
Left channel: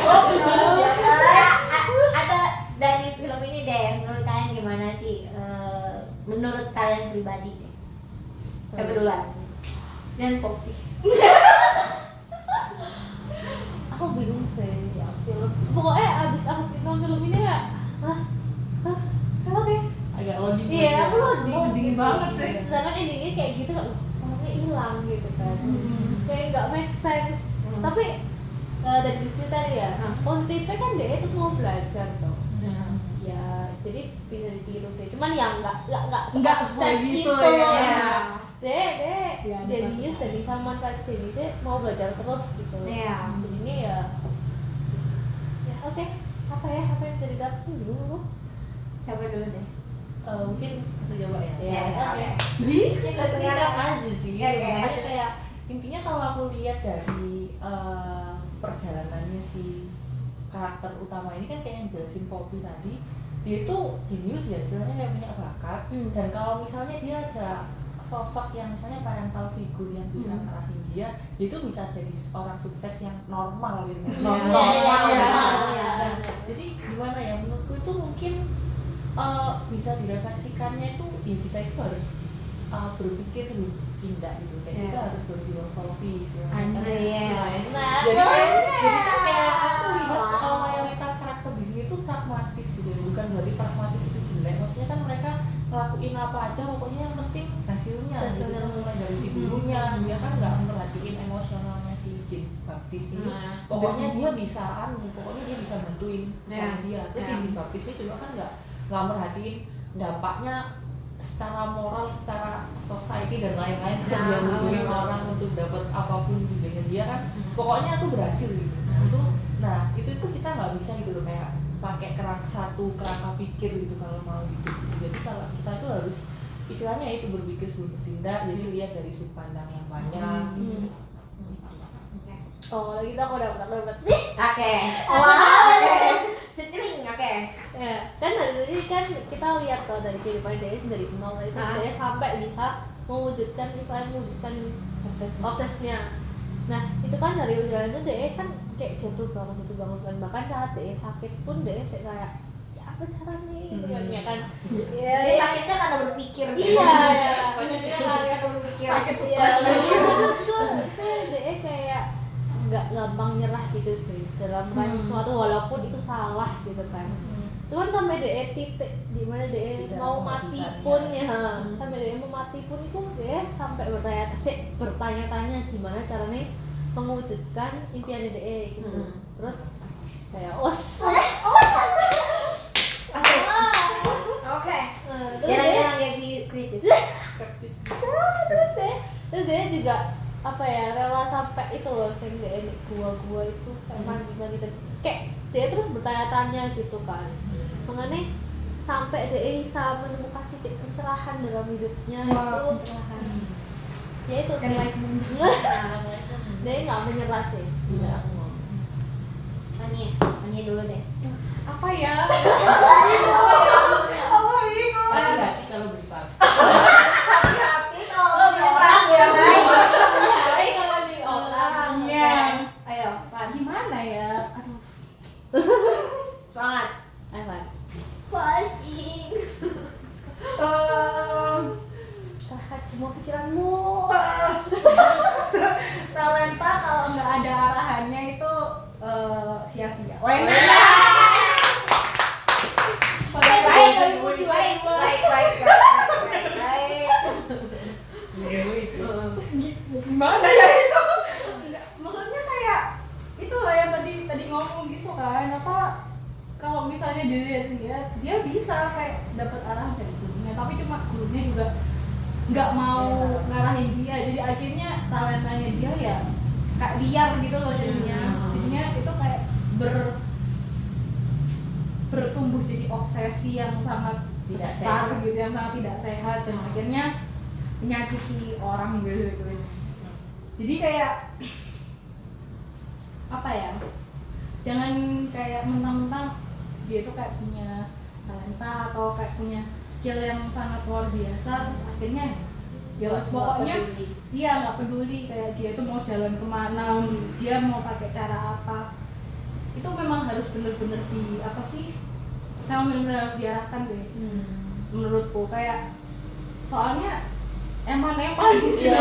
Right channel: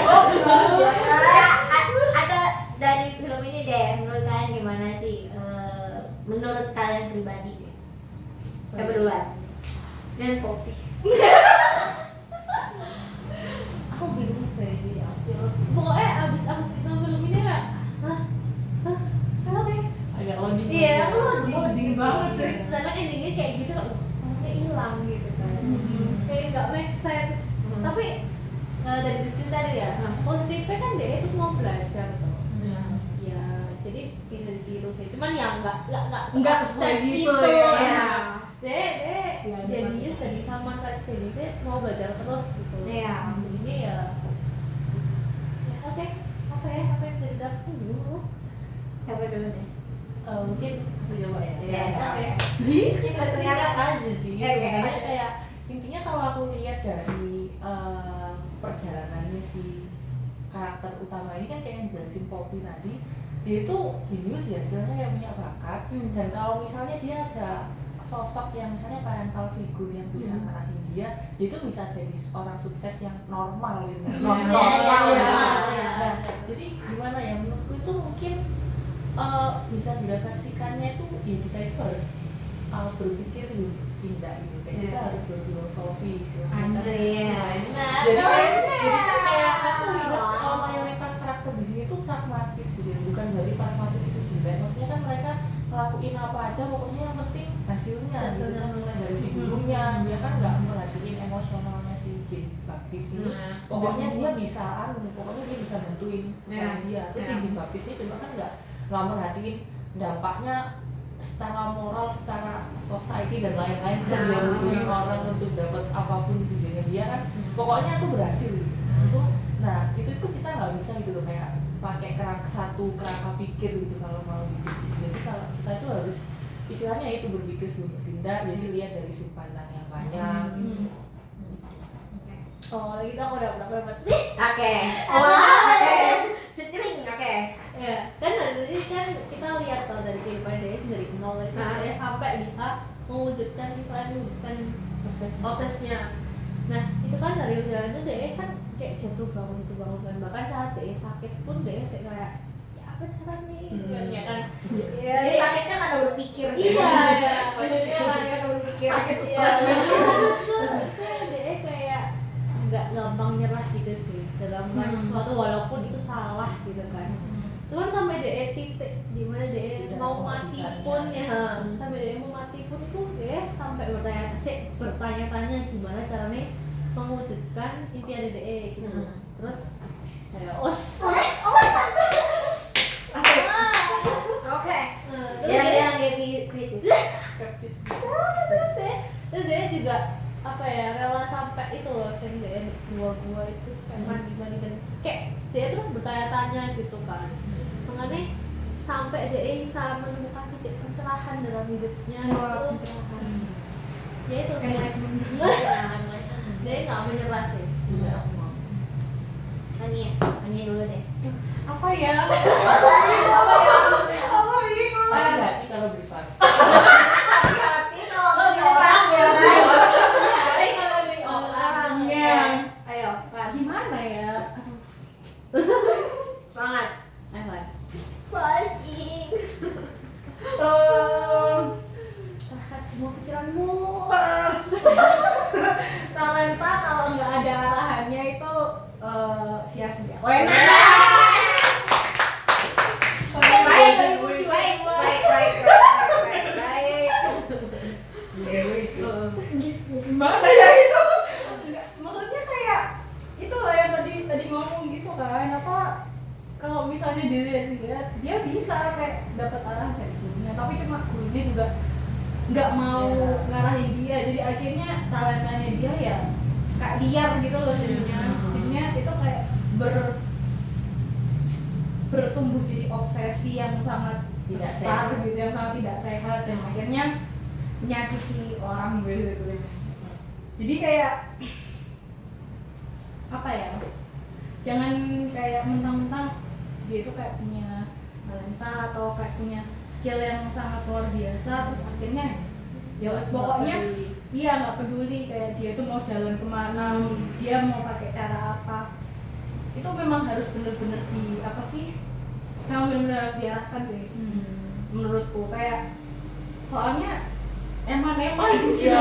Ada dari film ini deh, menurut kalian gimana sih? Menurut kalian pribadi deh. Coba duluan. Dan kopi. Aku bingung sih ya film. Pokoknya abis aku nonton film ini kayak oke. Agak loading. Iya, aku Loading banget sih. Sedangkan endingnya kayak gitu kan, warnanya hilang gitu kan. Kayak nggak make sense. Tapi dari diskusi tadi ya, positifnya kan dia itu mau belajar tuh. Ya, jadi bisa ditiru sih. Cuman ya nggak seperti gitu gitu ya. Ya. Dek, Ya, jenius dari zaman kayak jeniusnya mau belajar terus gitu. Iya. Ini ya oke. Apa yang jadi dapur dulu? Coba dulu deh. Mungkin aku coba ya. Iya, Oke. Di Singkat aja sih. Oke. Sebenarnya kayak intinya kalau aku lihat dari perjalanannya si karakter utama ini kan kayak yang jelasin Poppy tadi, dia itu jenius ya, istilahnya kayak punya bakat. Dan kalau misalnya dia ada sosok yang misalnya parental figure yang bisa ngarahin dia itu bisa jadi orang sukses yang normal gitu. Normal. Nah, jadi gimana ya, menurutku itu mungkin bisa direfleksikannya itu ya kita itu harus berpikir sebelum tindak gitu. Kayak kita harus berfilosofi istilahnya. Jadi kayak aku lihat kalau mayoritas karakter di sini tuh pragmatis gitu, bukan berarti pragmatis itu jelek. Maksudnya kan mereka ngelakuin apa aja, pokoknya yang penting hasilnya. Gitu kan, mulai dari si gurunya, dia kan nggak merhatiin emosionalnya si Jin Baptis ini. Pokoknya dia bisa pokoknya dia bisa bantuin sama dia. Terus si Jin Baptis ini juga kan nggak merhatiin dampaknya secara moral, secara society dan lain-lain. Dia bantuin orang untuk dapat apapun tujuannya dia kan. Pokoknya aku berhasil gitu. Nah itu kita nggak bisa gitu loh kayak pakai kerangka pikir gitu kalau mau gitu. Jadi kalau kita itu harus istilahnya itu berpikir sebelum bertindak. Jadi lihat dari sudut pandang yang banyak. Oh, gitu aku udah dapat. Oke. Oke. Setring, oke. Ya, kan dari tadi kan kita lihat tuh dari kehidupan dia dari nol itu dia sampai bisa mewujudkan obsesnya. Nah, itu kan dari perjalanan dia kan kayak jatuh bangun kan, bahkan saat dia sakit pun dia kayak ya apa caranya gitu kan ya kan. Ya, dia sakitnya karena berpikir sih. Iya, Karena berpikir. sakit Iya, stres. dia kayak nggak gampang nyerah gitu sih dalam melakukan sesuatu walaupun itu salah gitu kan. Cuman sampai DE titik dimana DE mau mati pun ya, sampai DE mau mati pun itu DE sampai bertanya-tanya gimana caranya mewujudkan impian DE gitu. Terus kayak Oke. Jarang-jarang kayak kritis. terus DE juga apa ya rela sampai itu loh sehingga DE gua itu kayak mandi dan kayak DE terus bertanya-tanya gitu kan. Makanya sampai dia bisa menemukan titik pencerahan dalam hidupnya itu pencerahan. Ya itu sih. Dia nggak menyerah sih. Tanya dulu deh. Apa ya? Hati-hati kalau privat. Hati-hati kalau jadi orang ya, baik. Baik kalau di Orangnya. Ayo, Fat. Gimana ya? Aduh. Semangat. Evan. Fighting. Lihat semua pikiranmu. Talenta kalau nggak ada arahannya itu sia-sia. Baik. Gimana ya itu? Maksudnya kayak itulah yang tadi ngomong gitu kan, apa kalau misalnya dilihat dia bisa kayak dapat arah dari gurunya, tapi cuma gurunya juga nggak mau ngarahin dia, jadi akhirnya talentanya dia ya kayak liar gitu loh jadinya itu kayak bertumbuh jadi obsesi yang sangat Tidak besar sehat. gitu, yang sangat tidak sehat dan akhirnya menyakiti orang gitu. Jadi kayak apa ya, jangan kayak mentang-mentang dia itu kayak punya talenta atau kayak punya skill yang sangat luar biasa terus akhirnya ya pokoknya iya nggak peduli kayak dia tuh mau jalan kemana, dia mau pakai cara apa, itu memang harus bener-bener di apa sih, memang bener-bener harus diarahkan deh. Menurutku kayak soalnya eman-eman gitu,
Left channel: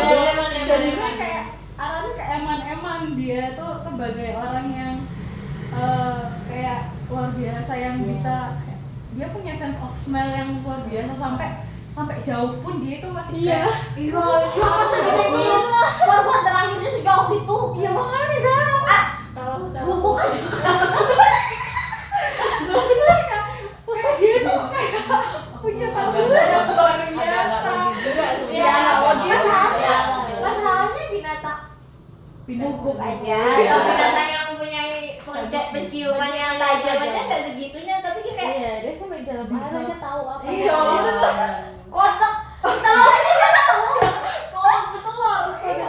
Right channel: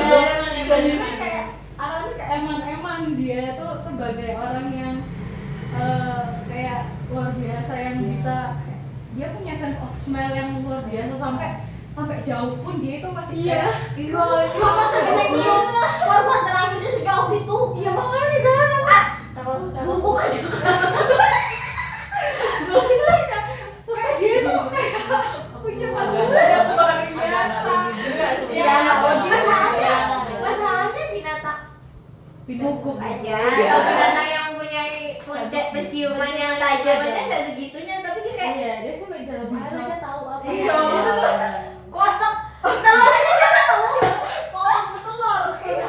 jadinya kayak arahnya ke eman-eman. Dia tuh sebagai orang yang kayak luar biasa yang bisa, dia punya sense of smell yang luar biasa, sampai jauh pun dia itu masih kayak Iya, dia masih bisa diem lah. Korban terakhirnya sejauh itu. iya makanya kan Kalau secara Buku kan juga. kayak dia tuh kayak punya tanggung jawab luar biasa. juga Iya, sebenarnya. masalahnya binatang bubuk aja. Iya. Kalau binatang yang punya penciuman yang tajam aja nggak segitunya, tapi dia kayak Iya, dia sampai dalam air aja tahu apa. Iya. kodok. Telur aja dia tahu. Telur kayak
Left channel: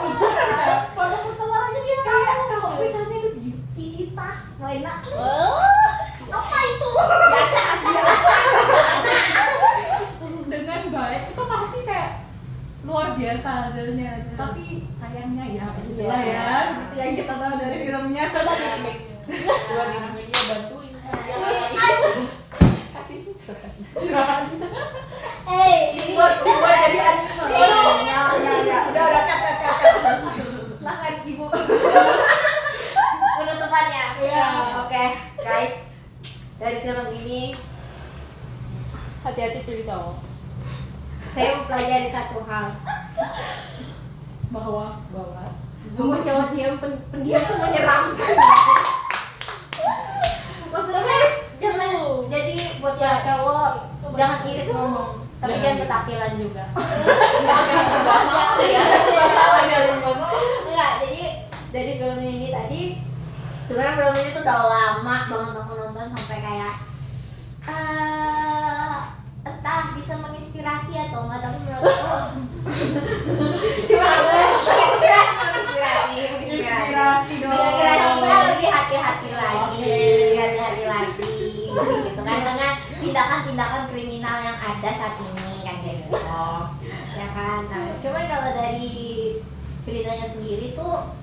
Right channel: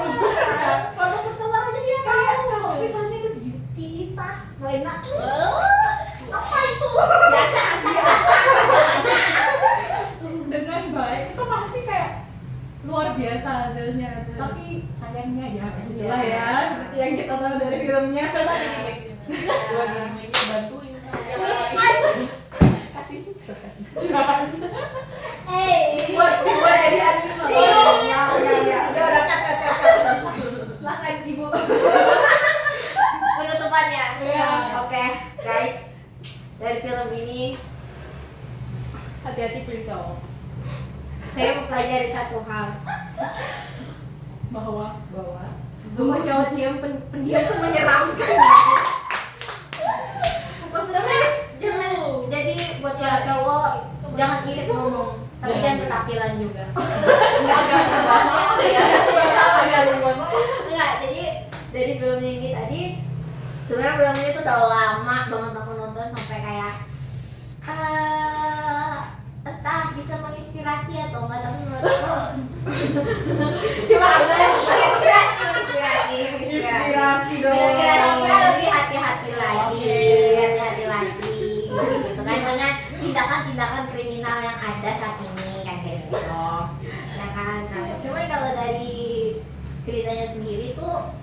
Kodok telur aja dia kayak tahu. kalau misalnya itu di utilitas enak Apa itu? Biasa. dengan baik itu pasti kayak luar biasa hasilnya. Tapi sayangnya ya begitulah ya, seperti yang kita tahu dari filmnya. Coba buat animenya bantuin. Kasih misalkan. buat jadi anime. Ya, udah cut. Silakan ibu. Penutupannya. Iya. Oke, guys. Dari film ini Hati-hati pilih cowok. saya mempelajari satu hal. Bahwa Semua cowok pendiam tuh menyeramkan. Maksudnya jangan jadi buat ya cowok jangan irit ngomong, tapi jangan ketakilan juga. Enggak, jadi dari film ini tadi sebenarnya film ini tuh udah lama banget aku nonton sampai kayak entah bisa menginspirasi atau enggak, tapi menurut aku menginspirasi dong. kita lebih hati-hati lagi gitu kan dengan tindakan-tindakan kriminal yang ada saat ini kan kayak gitu ya kan. Nah, cuman kalau dari ceritanya sendiri tuh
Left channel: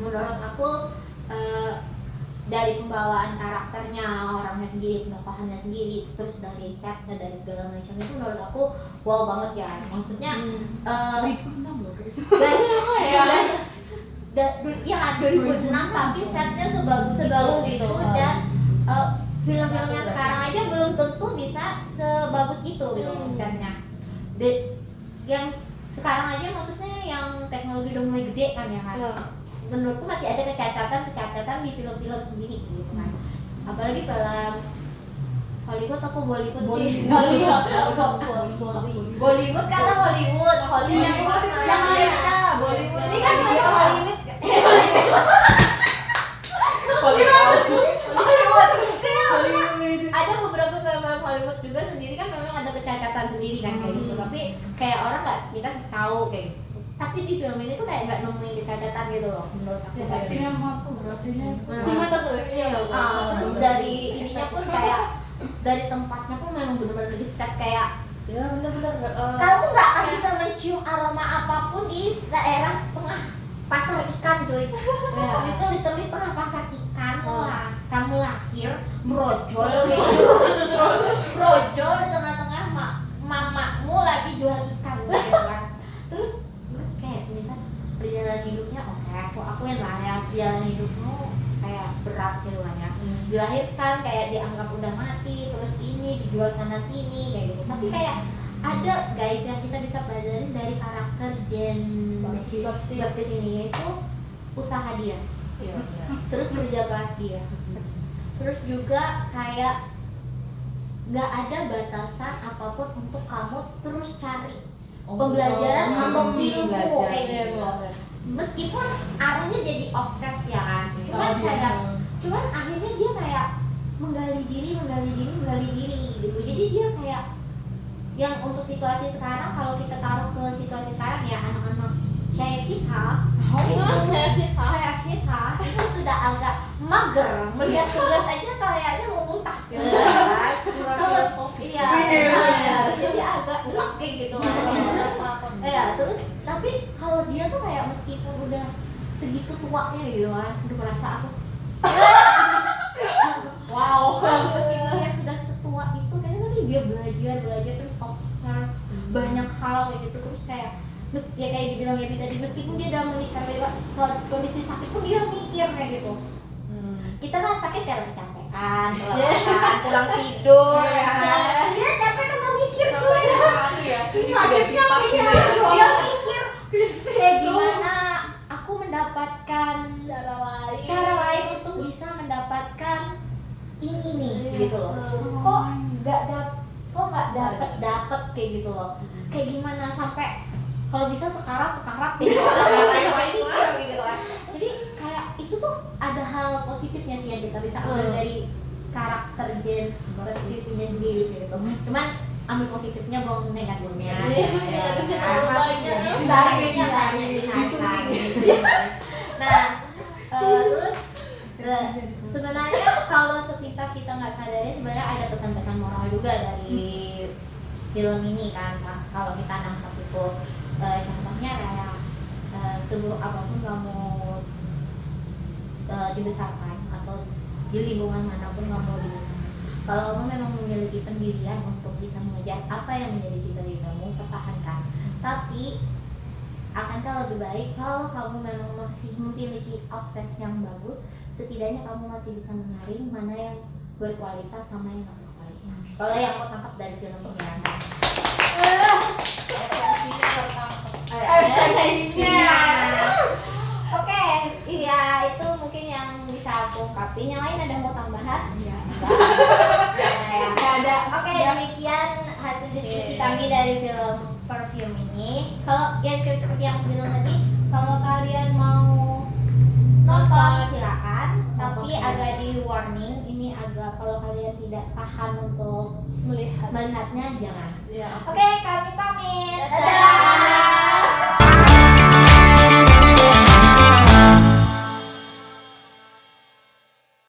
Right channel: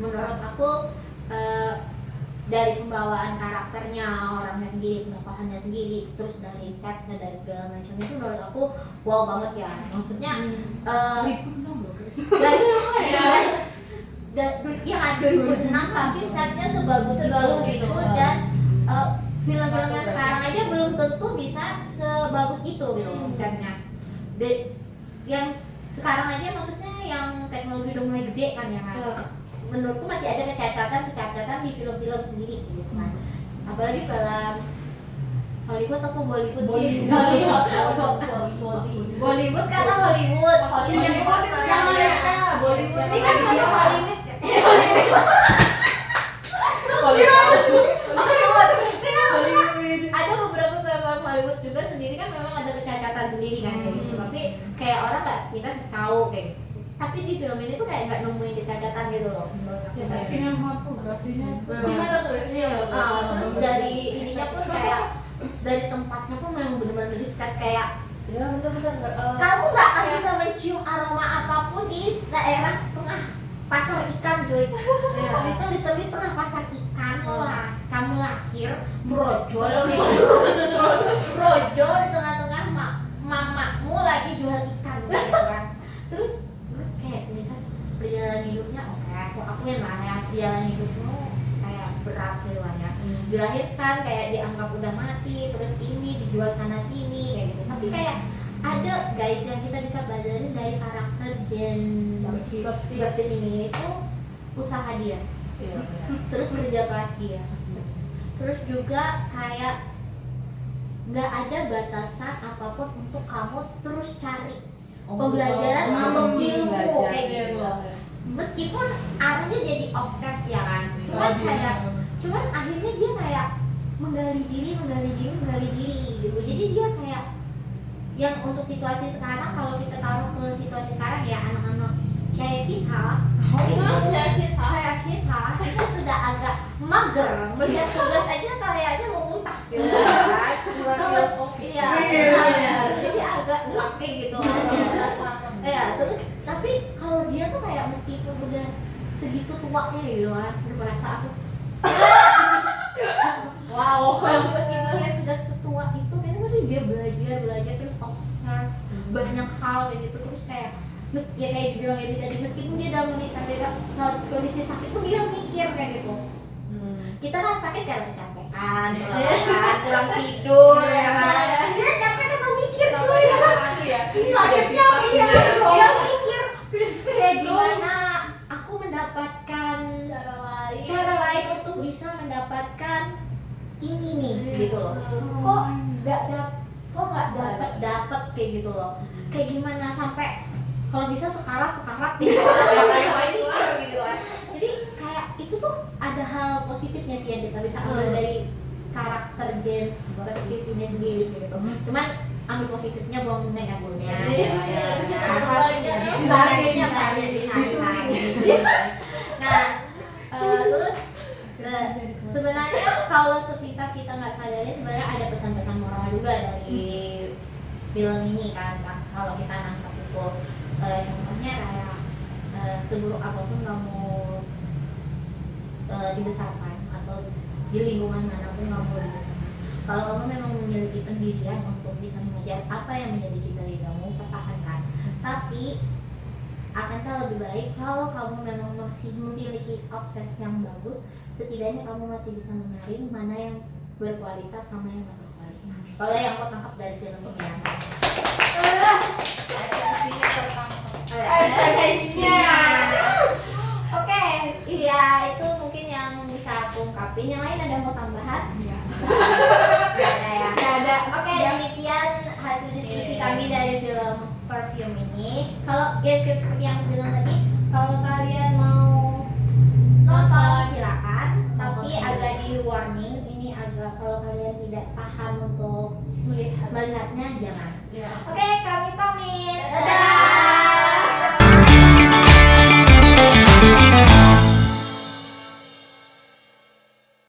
menurut aku dari pembawaan karakternya orangnya sendiri, penokohannya sendiri, terus dari setnya, dari segala macam itu menurut aku wow banget ya. Maksudnya ya 2006 tapi setnya sebagus itu dan film-filmnya sekarang aja belum tentu bisa sebagus itu gitu setnya. Yang sekarang aja maksudnya yang teknologi udah mulai gede kan ya kan. Menurutku masih ada kecacatan di film-film sendiri gitu kan. Apalagi dalam Hollywood atau Bollywood sih? Bollywood karena Hollywood yang mereka Bollywood ini kan masuk Hollywood Hollywood ini kan ada beberapa film Hollywood juga sendiri kan memang ada kecacatan sendiri kan kayak gitu, tapi kayak orang nggak kita tahu kayak gitu. Tapi di film ini tuh kayak nggak nemuin kecacatan gitu loh menurut aku. Sinematografinya Terus dari ininya pun kayak dari tempatnya pun memang benar-benar di set kayak Ya benar-benar kamu nggak akan bisa mencium aroma apapun di daerah tengah pasar ikan cuy. Itu literally tengah pasar ikan kamu lahir brojol kayak gitu. Brojol di tengah-tengah mamamu lagi jual ikan gitu kan. Terus kayak sebentar perjalanan hidupnya oke, aku akuin lah ya perjalanan hidupmu kayak berat gitu kan ya. Dilahirkan kayak dianggap udah mati, terus ini dijual sana sini kayak gitu. Tapi kayak ada guys yang kita bisa pelajarin dari karakter Jen Baptiste ini itu usaha dia, terus kerja keras dia, terus juga kayak nggak ada batasan apapun untuk kamu terus cari pembelajaran atau ilmu kayak gitu. Meskipun arahnya jadi obses ya kan, cuman akhirnya dia kayak menggali diri gitu. Jadi dia kayak yang untuk situasi sekarang, kalau kita taruh ke situasi sekarang ya anak-anak kayak kita itu sudah agak mager, melihat tugas aja kayaknya mau muntah gitu kan. Kalau jadi agak enak kayak gitu ya. Terus tapi kalau dia tuh segitu tuanya gitu kan, udah merasa aku Wow. meskipun dia sudah setua itu kayaknya masih dia belajar terus observe banyak hal kayak gitu, terus kayak ya kayak dibilang Ebi tadi, meskipun dia udah menikah kondisi sakit pun dia mikir kayak gitu. Kita kan sakit kayak kecapean, kurang tidur ya kan, dia capek kan mau mikir tuh ya sakitnya ya. dia mikir kayak gimana aku mendapatkan cara lain untuk bisa mendapatkan ini nih gitu loh, kok nggak dapet kayak gitu loh, kayak gimana sampai kalau bisa sekarat gitu kayak mikir gitu kan. Jadi kayak itu tuh ada hal positifnya sih yang kita bisa ambil dari karakter Jen kompetisinya sendiri gitu. Cuman ambil positifnya, buang negatifnya. Sebaliknya banyak disayang. Nah, terus sebenarnya kalau sepintas kita nggak sadari sebenarnya ada pesan-pesan moral juga dari film ini kan. Kalau kita nangkap itu contohnya kayak seburuk apapun kamu dibesarkan atau di lingkungan manapun kamu dibesarkan, kalau kamu memang memiliki pendirian untuk bisa mengejar apa yang menjadi cita-citamu, pertahankan. Tapi akankah lebih baik kalau kamu memang masih memiliki obses yang bagus, setidaknya kamu masih bisa menyaring mana yang berkualitas sama yang tidak berkualitas. Kalau yang aku tangkap dari film ini kan esensinya. Oke, iya itu mungkin yang bisa aku ungkapin. Yang lain ada mau tambahan? Nggak ada. Oke, demikian hasil diskusi kami dari film Perfume ini. Kalau ya seperti yang aku bilang tadi, kalau kalian mau nonton silakan, tapi agak di warning ini agak, kalau kalian tidak tahan untuk melihatnya jangan. Oke, kami